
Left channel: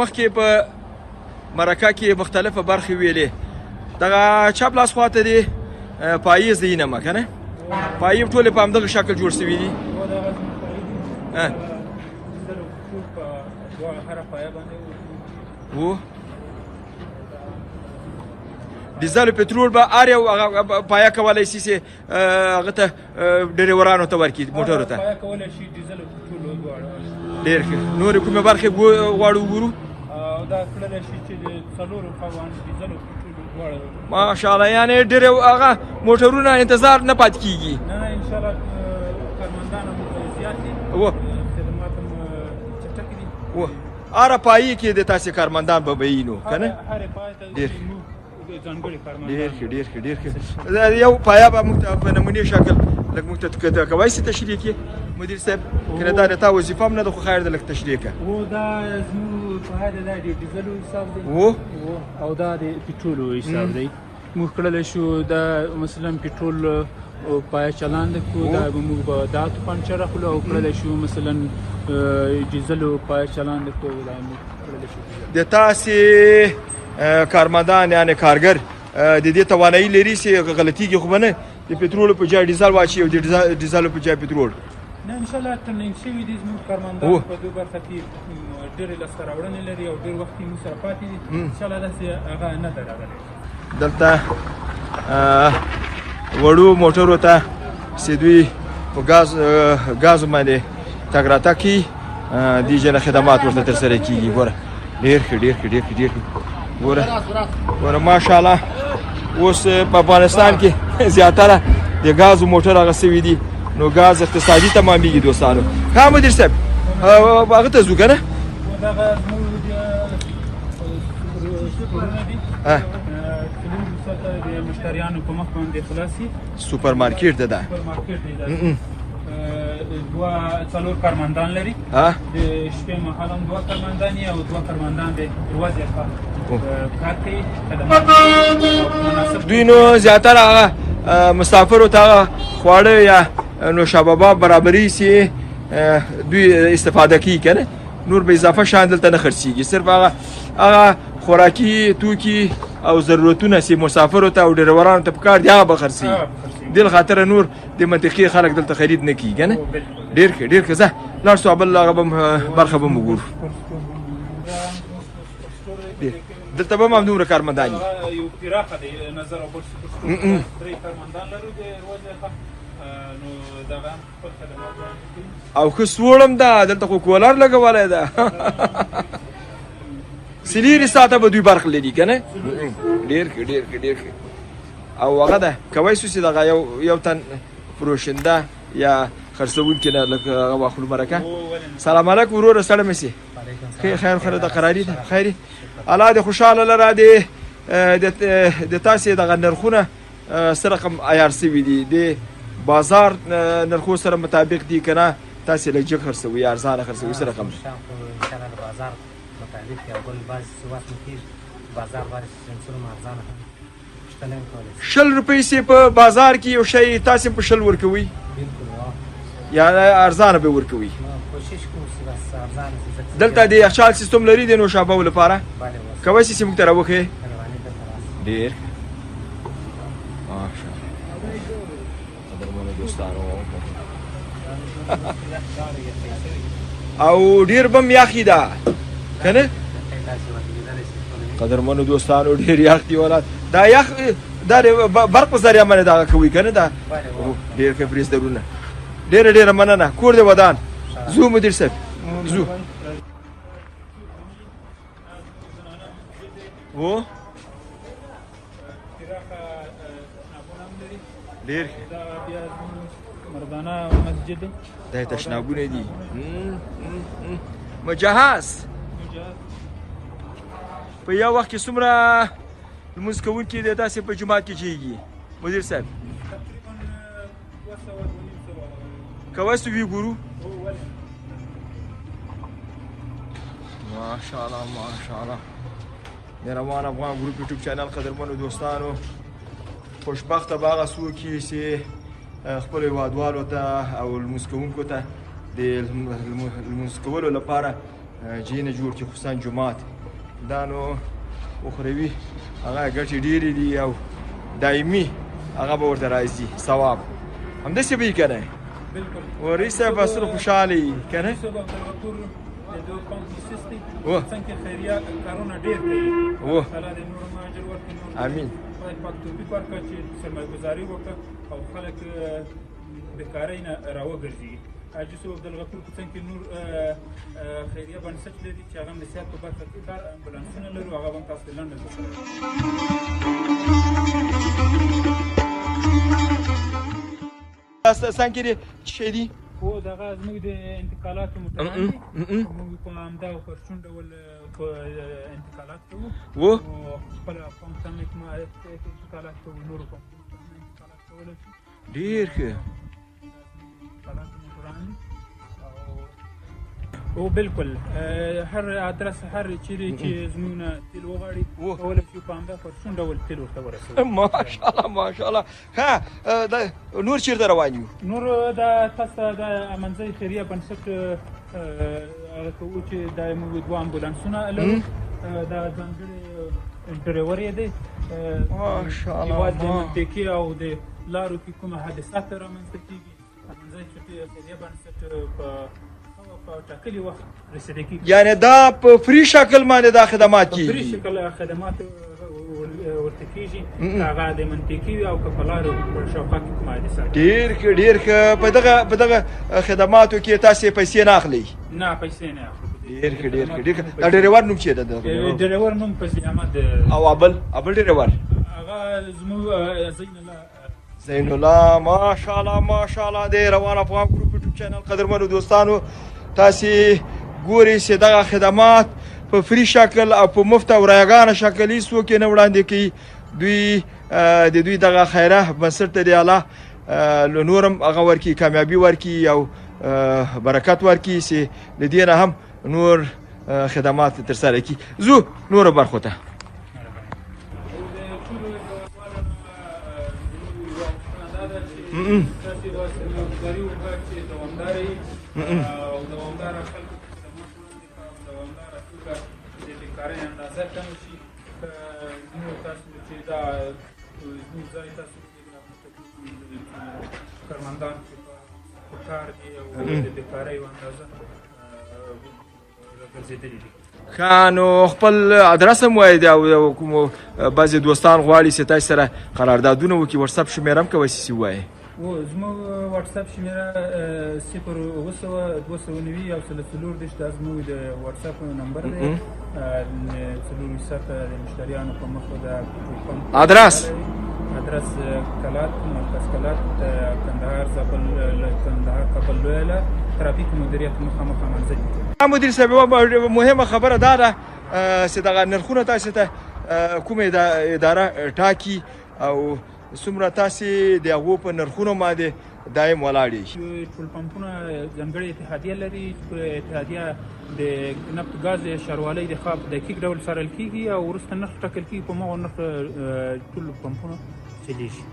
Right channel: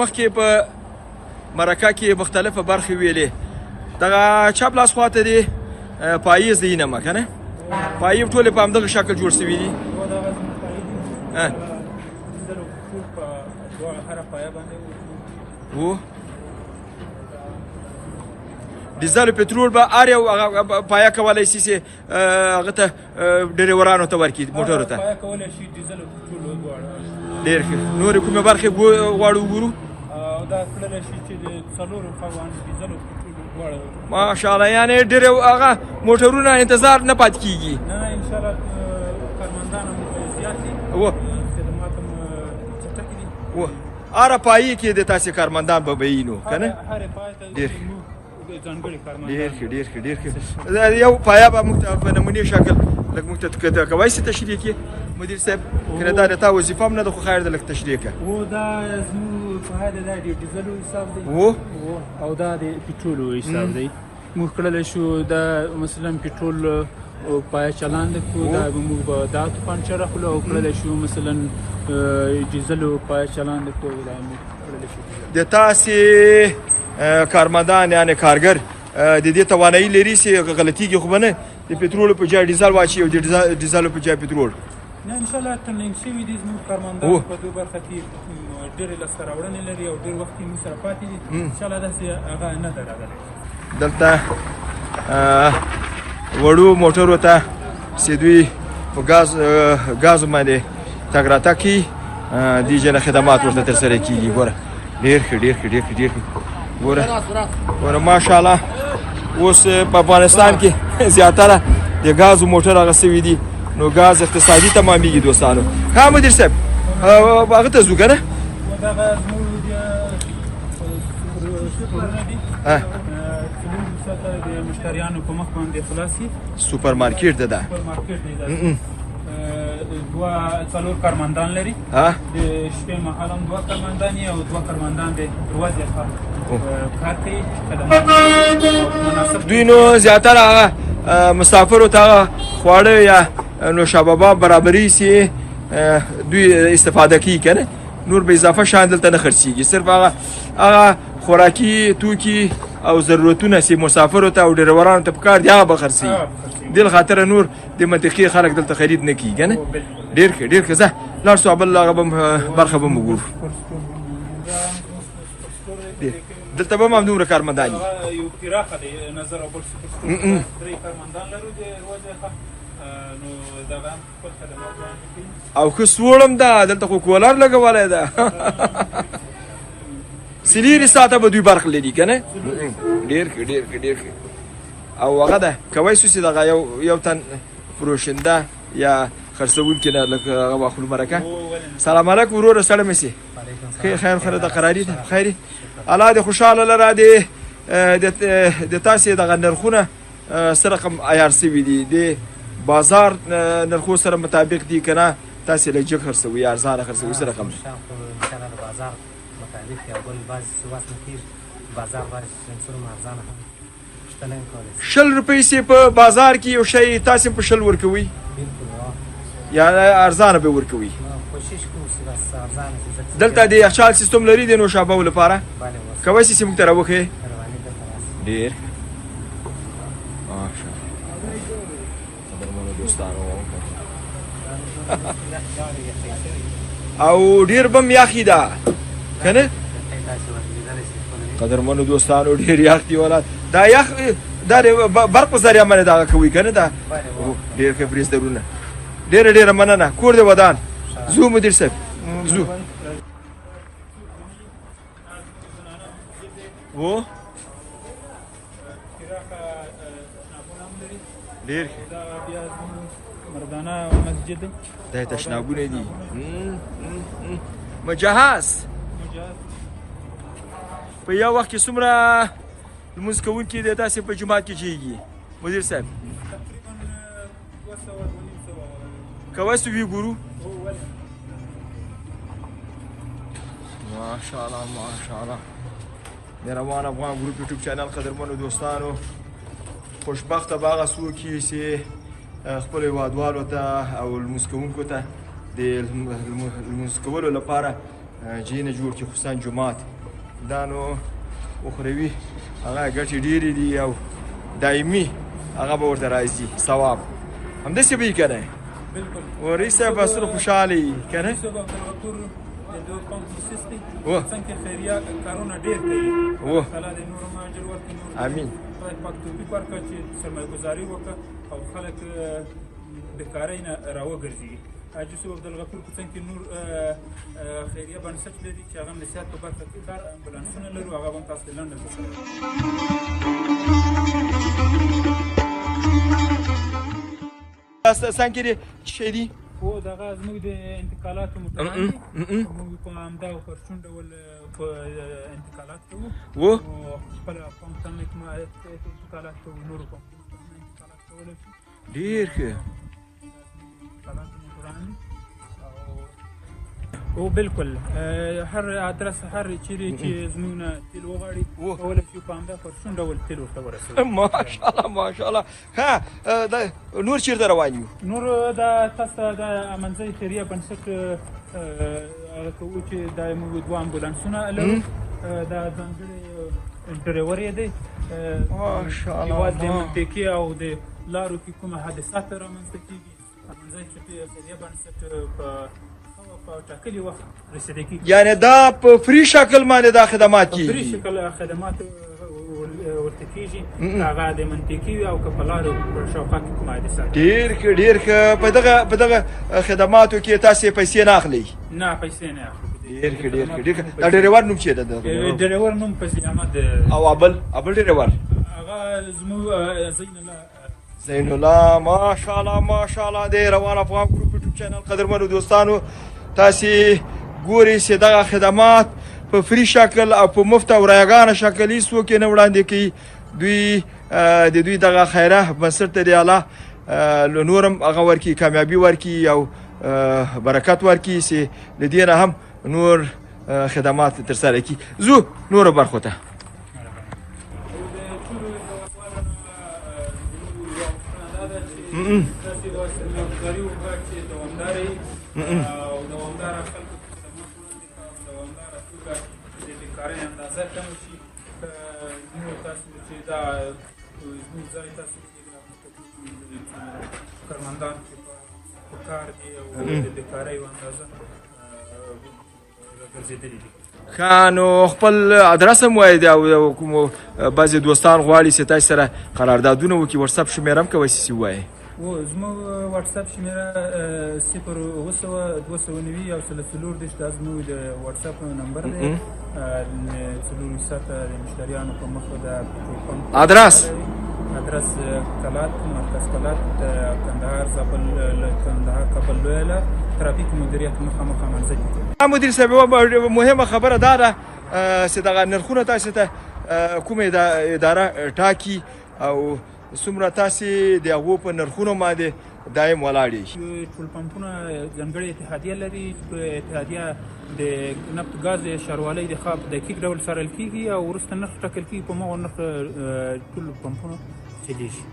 مخکې په مرکه کې مختلفه برخې ویلې. دغه چپ لاس خواته دی پاییز دی نه که نه؟ پایې ټولې په همدغه شکل جوړ شوي دي. ډیزل پټرول به هر یو پایه کولی شي چې هغه ته ډریورانو ته ورکړي، موټرو ته. ډېر ښه. نورې کومې برخې غواړو وګورو؟ ماشاءالله. یعنې ډېر هغه موټرونه انتظار نه پاتې کېږي. هره پایې کې د تاسې کارمندان به وي نو که نه؟ ډېر ډېر ښه ډېر ښه ډېر ښه. یو پایه به موږ ته په نمونې شکل لږ موږ ته کولی شي تشریح کړي مدیر صاحب کنه دا د تا وظیفه هم نه ده خو خیر ده لږ تشریح کړه و دا زموږ په هر دا د ډیزلو حساب دی او دا د پټرولو حساب دی موږ کړلی شو دا مثلا پټرول او پای چلان کړو دا موږ به دا پنچر اخلو او کړلی شو مثلا ډیزلو پای چلان کړو دا موږ کړلی شو د تاسې کارمندان یعنې کارګر د دې توانایي لري چې غلطیږي خو به نه د پټرولو په ځای ډیزل واچي او د ډیزلو په ځای پټرول نه انشاءالله ټریننګ شوي دي زموږ کارمندان په دې برخه کې ډېرې لاسته راوړنې لري او ډېر وخت یې موږ سره پاتې دي انشاءالله داسې هغه نه ده راغلی دلته وړو موټرو ته چې دوی په ګازو باندې تګ راتګ کوي دې جنه خدمات ورته ترسره کېږي ګوره ډېر ښه ډېر ښه ډېر ښه ډېر ښه ګوره ماشاءالله اوس په افغانستان کې زیاتره د ګازو موټر هغه سوي دي نو ګاز اقتصادي تمامېږي دوستانو ښه مدیر صاحب هغه ته ځو که نه سوپر مارکیټ ده څلور کارمندان لري د شپې مهال هم 2 کارمندان او 2 کارمندان د یوازې کار کوي دوی نو زیاتره هغه مسافرو ته هغه خواړه یا نوشابه برابري چې دوی استفاده کوي که نه نور به اضافه شیان دلته نه خرڅېږي صرف هغه خوراکي توکي او ضرورتونه چې مسافرو ته او ډریورانو ته پکار دي هغه به خرڅېږي دې خاطر نور د منطقې خلک دلته خرید نه کیږي که نه ډېر ښه ډېر ښه ځه لاړ شو بل هغه برخه به م وګورو دلته به هم همدومره کارمندان یو پراخه دی نظر او بل سکوت 3 کارمندان لرو د ورځې نو دغه هم خپل خدمات وړاندې کوي او ښه سوړ هم ده دلته خو کولر لګولی ده سلیري ساعته به دوی برخه لري که نه ډېر ښه ډېر ښه ډېر ښه او هغه ده کوی شو چې دغه یو تن فروشنده یا خرڅوونکي نه لږ هغه واخلو برکه سلام علیکم وروره سړی مې سي خیر خیر د قراري ده خیري الله دې خوشحاله لره د تاسې دغه نرخونه څه رقم عیار سوي دي د بازار نرخو سره مطابق دي که نه تاسې لږ جګ خرڅوئ یا ارزانه خرڅوئ څه رقم دي بازار مطابق یا بل بعضې صورت کې بازار باندې جنسونه ارزانه هم 60 روپۍ سي په بازار کې یو شی تاسې په 60 ورکوئ یا ارزانه به ورکوئ دلته د یخچال سیستم لري د نوشابهو لپاره کولی شي چې موږ ته راوښیې ډېر او ډېر به م یخې ده که نه قدرمنو دوستانو ډېر یخ دي ولاد دا یخ دا د برق په ذریعه باندې دغه کوي که نه دا ډېر ښه بریزدرونه ډېره ډېره مننه کور دې ودان ځو مدیر صاحب ځو و ډېر ښه مردانه مسجد دا یې تشنابونه دي مجهز په یو وخت کې څومره لمونځ کوونکي د تاسې په جومات کې کېږي مدیر صاحب که وسو وي ګورو ماشاءالله ماشاءالله مهربان افغان ګروپ یوټیوب چینل قدرمنو دوستانو خوشبخته به هغه څوک یي چې خپلو هېوادوالو ته او لمونځ کوونکو ته د لمونځ کولو لپاره ځای نه جوړ کړي خصوصا جومات دا نو اخروي هغه ګټې ډېرې دي او دایمي هغه به ورته راځي ثواب همداسې به وي که نه ورئیس صاحب اصل خوشحاله یي که نه څنګه خیریه کارونه ډېر کوي الله دې نور هم اجر ورکړي امین خدای پاک توفیق ورکړي چې سرمایه‌ګزاري وکړه او خلک بېکارۍ نه راوګرځي حاجي صاحب عبدالغفور په څنګ کې نور خیریه بنسټ لري چې هغه د صحت په برخه کې کار امبولانسونه لرو هغه هم تاسو ته لنډه څنګه دې څه شی دي هو دغه زموږ د انتقالاتو متعلق دي موږ په همدا پرچون ډول په انتقالات کوو خپله پوهنتون کې انتقالات کوو نورو پوهنتونونو انتقالات کولی شي ډېر ښه انتقالات موټران دي او بالکل هر ادرس هر چیرې چې زموږ نه تیل وغواړي کولی شو په همدا پرسون ډول تیل ورته ورسوي. ماشاءالله ماشاءالله. ښه نور چېرته روان یو؟ نور دا تاسو ته د منځۍ خیریه بنسټ هغه کوو چې دا موږ دوه امبولانسونه لرو، دا ځانګړی ډریور یې دی ماشاءالله. هېواد د منطقې او د لارو کې کومه حادثات رامنځته کېږي په منځۍ خیریه بنسټ په ټاکلي وخت رسېدی کېږي. یعنې دا په فري شکل باندې دا خدمات کېږي؟ په فري شکل خدمات ورته کېږي، هغه د منطقې وي او که په لارو شاوخوا کې کوم حادثات. ډېر ښه ډېر ښه. په دغه خدماتو کې تاسې پیسې نه اخلئ؟ نه پیسې نه اخلي. ډېر ښه ډېر ښه ډېر ښه. دا ډریور نوم چی ده؟ ډریور نوم پسې احمد. او ابل ډریور هغه زموږ زین الله. ماشاءالله ماشاءالله. د روان افغان ګروپ یوټیوب چینل قدرمنو دوستانو، تاسې ګورئ چې دغه خدمات په فري شکل او په مفت او رایګانه شکل هېڅوک یې نه وړاندې کوي. دوی د دوی دغه خیره بنسټ ته دی الله نورم هغه ورکړي، کامیابي ورکړي او برکت ورکړي چې د دې نه هم نور خدمات ترسره کړي. ځو نورو برخو ته. دوامداره خلکو ته خدمات وړاندې کړه او دوامداره توګه د بیکارۍ اندازه کمه شي. زموږ تاسو چې دا زموږ ځای تاسو کارمندان چې په کار دي او د بیکارۍ اندازه راګرځېدلي دي. ښه نو خپل ادرس هم وایي او کومو بعضې دوستان غواړي چې تاسو سره قراردادونه وکړي، وټساپ شمېره هم کولی شي ووایي؟ زموږ وټساپ شمېره 0 290 دا زموږ د وټساپ نمبر دی. 4 مشتریانو په مخ د ادرس کلات مرکز کلات د کندهار کابل لویه ترافیک مدیریت مخامخ منځۍ. مدیر صاحب مهمه خبره دا ده چې دغه نرخونه تاسو ته کومه اداره ټاکي او څومره تاسې د هغو په نرخونو باندې دایم ولاړ یئ؟ ټول پمپونه ځانګړې اتحادیه لري. اتحادیه د نفت ګاز ښاروالۍ د خوا په دقیق ډول څارل کېږي او وروسته نرخ ټاکل کېږي. په همغو نرخ ټول پمپونه چلیږي.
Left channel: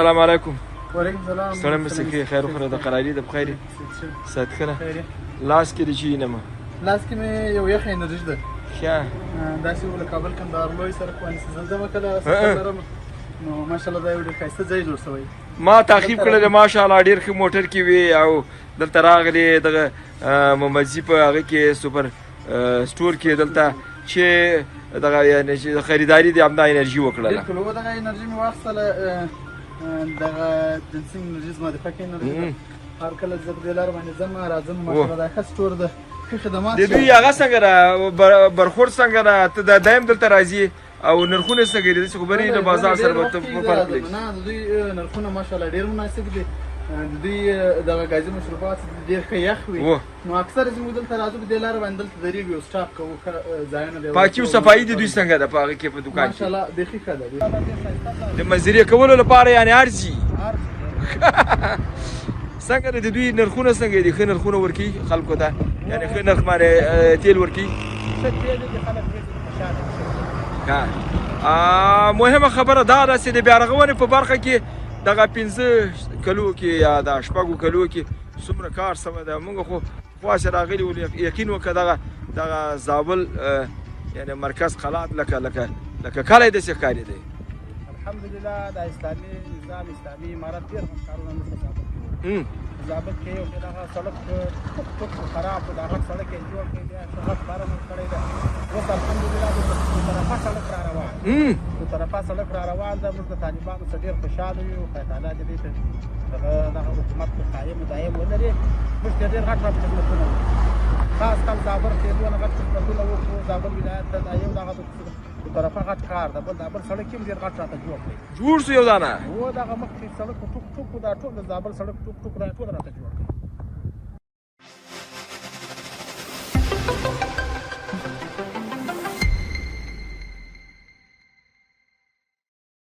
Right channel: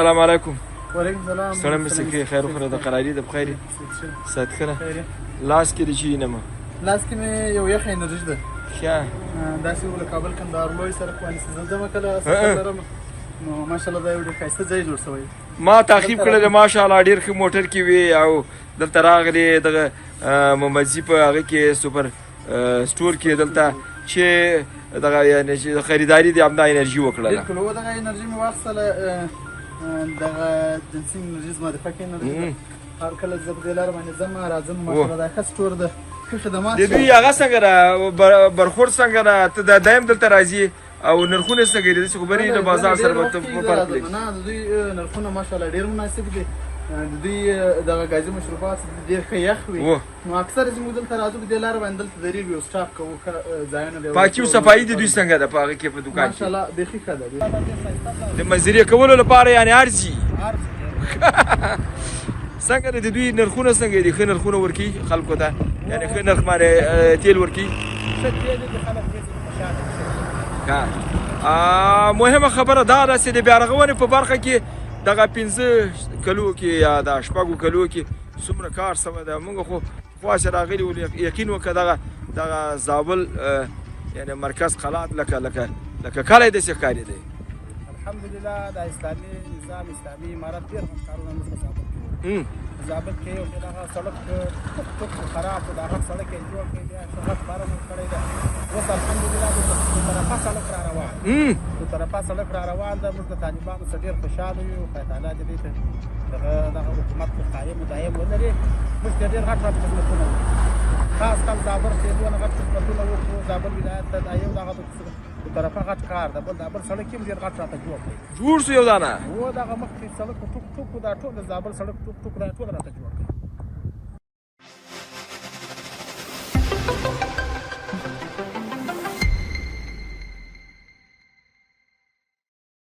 السلام علیکم. وعلیکم السلام. سلام مسکی خیر خو د قراری د بخیر سات کنه لاس کې چی نه ما لاس کې مې یو یخ انرژي ده. ښه دا چې ول کابل کندهار لوی سره کوم څه زلزمه کله نو ماشاءالله دا یو ډېر ښایسته ځای جوړ شوی. ما تعقیب کړل ماشاءالله ډېر ښه موټر کې وي او دلته راغلی دغه ممزي په هغه کې سوپر سټور کې دلته چې دغه یعنی چې خریداري د همدا انرژي وکړله. بالکل و دغه انرژي مې واخیستله دغه جنسي انرژي زما د فکر انرژي هر کله زه په دې لاره باندې ځم راځم ماشاءالله دا ښه سټور ده ښه خدمات د دوی هغه څنګه ده برخورد څنګه ده ته دا دایم دلته راځي او نرخونه څنګه دي چې خبرې د بازار سره به فرق لري؟ نه د دوی نرخونه ماشاءالله ډېر مناسب دي. د دوی دغه ګازي مشروبات ډېر ښه یخ وي نو اکثر زموږ دلته راځو په دې لاره باندې دلته درېږو او سټاپ کوو ځایونه دی. پاکي او صفایي د دوی څنګه ده په هغه کې په دوکان کې؟ ماشاءالله بیخي ښه ده. د منظرې کولو لپاره یعنې ارزي څنګه د دوی نرخونه څنګه دي؟ ښه نرخونه ورکوي خلکو ته یعنې ښه نرخ باندې تیل ورکوي؟ مهمه خبره دا ده چې د بیارغونې په برخه کې دغه 15 کلو کې یا د 6 کلو کې څومره کار سوی ده. موږ خو خواست راغلي ول یقین وکړه دغه زابل یعنی مرکز قلات لکه کلی داسې ښکاري دی. الحمدلله د اسلامي نظام اسلامي امارت ډېر کارونه موږ په زابل کې زابل کې یو دغه سړک خراب و دغه سړک یې جوړ کړی دی ښه باره مو کړی ده. اوس الحمدلله د طرفه سړک را روان طرفه سړک را روان ده. موږ د طالبانو څخه ډېر خوشحاله یو. خدای تعالی دې ته دغه حکومت قایم دایم ولري. موږ ته ډېر غټ غټ خدمتونه وکړو، خاص خاص زابل کې دونه غټ خدمتونه وکړو. زابل ولایت ته دا یو دغه د طرفه غټ کار ده. بل دا بل سړک هم ډېر غټ راته جوړ شو یو دانه و دغه مخکې سړک ټوک ټوک دا ټول د زابل سړک ټوک ټوک دا ټول راته جوړ کړي.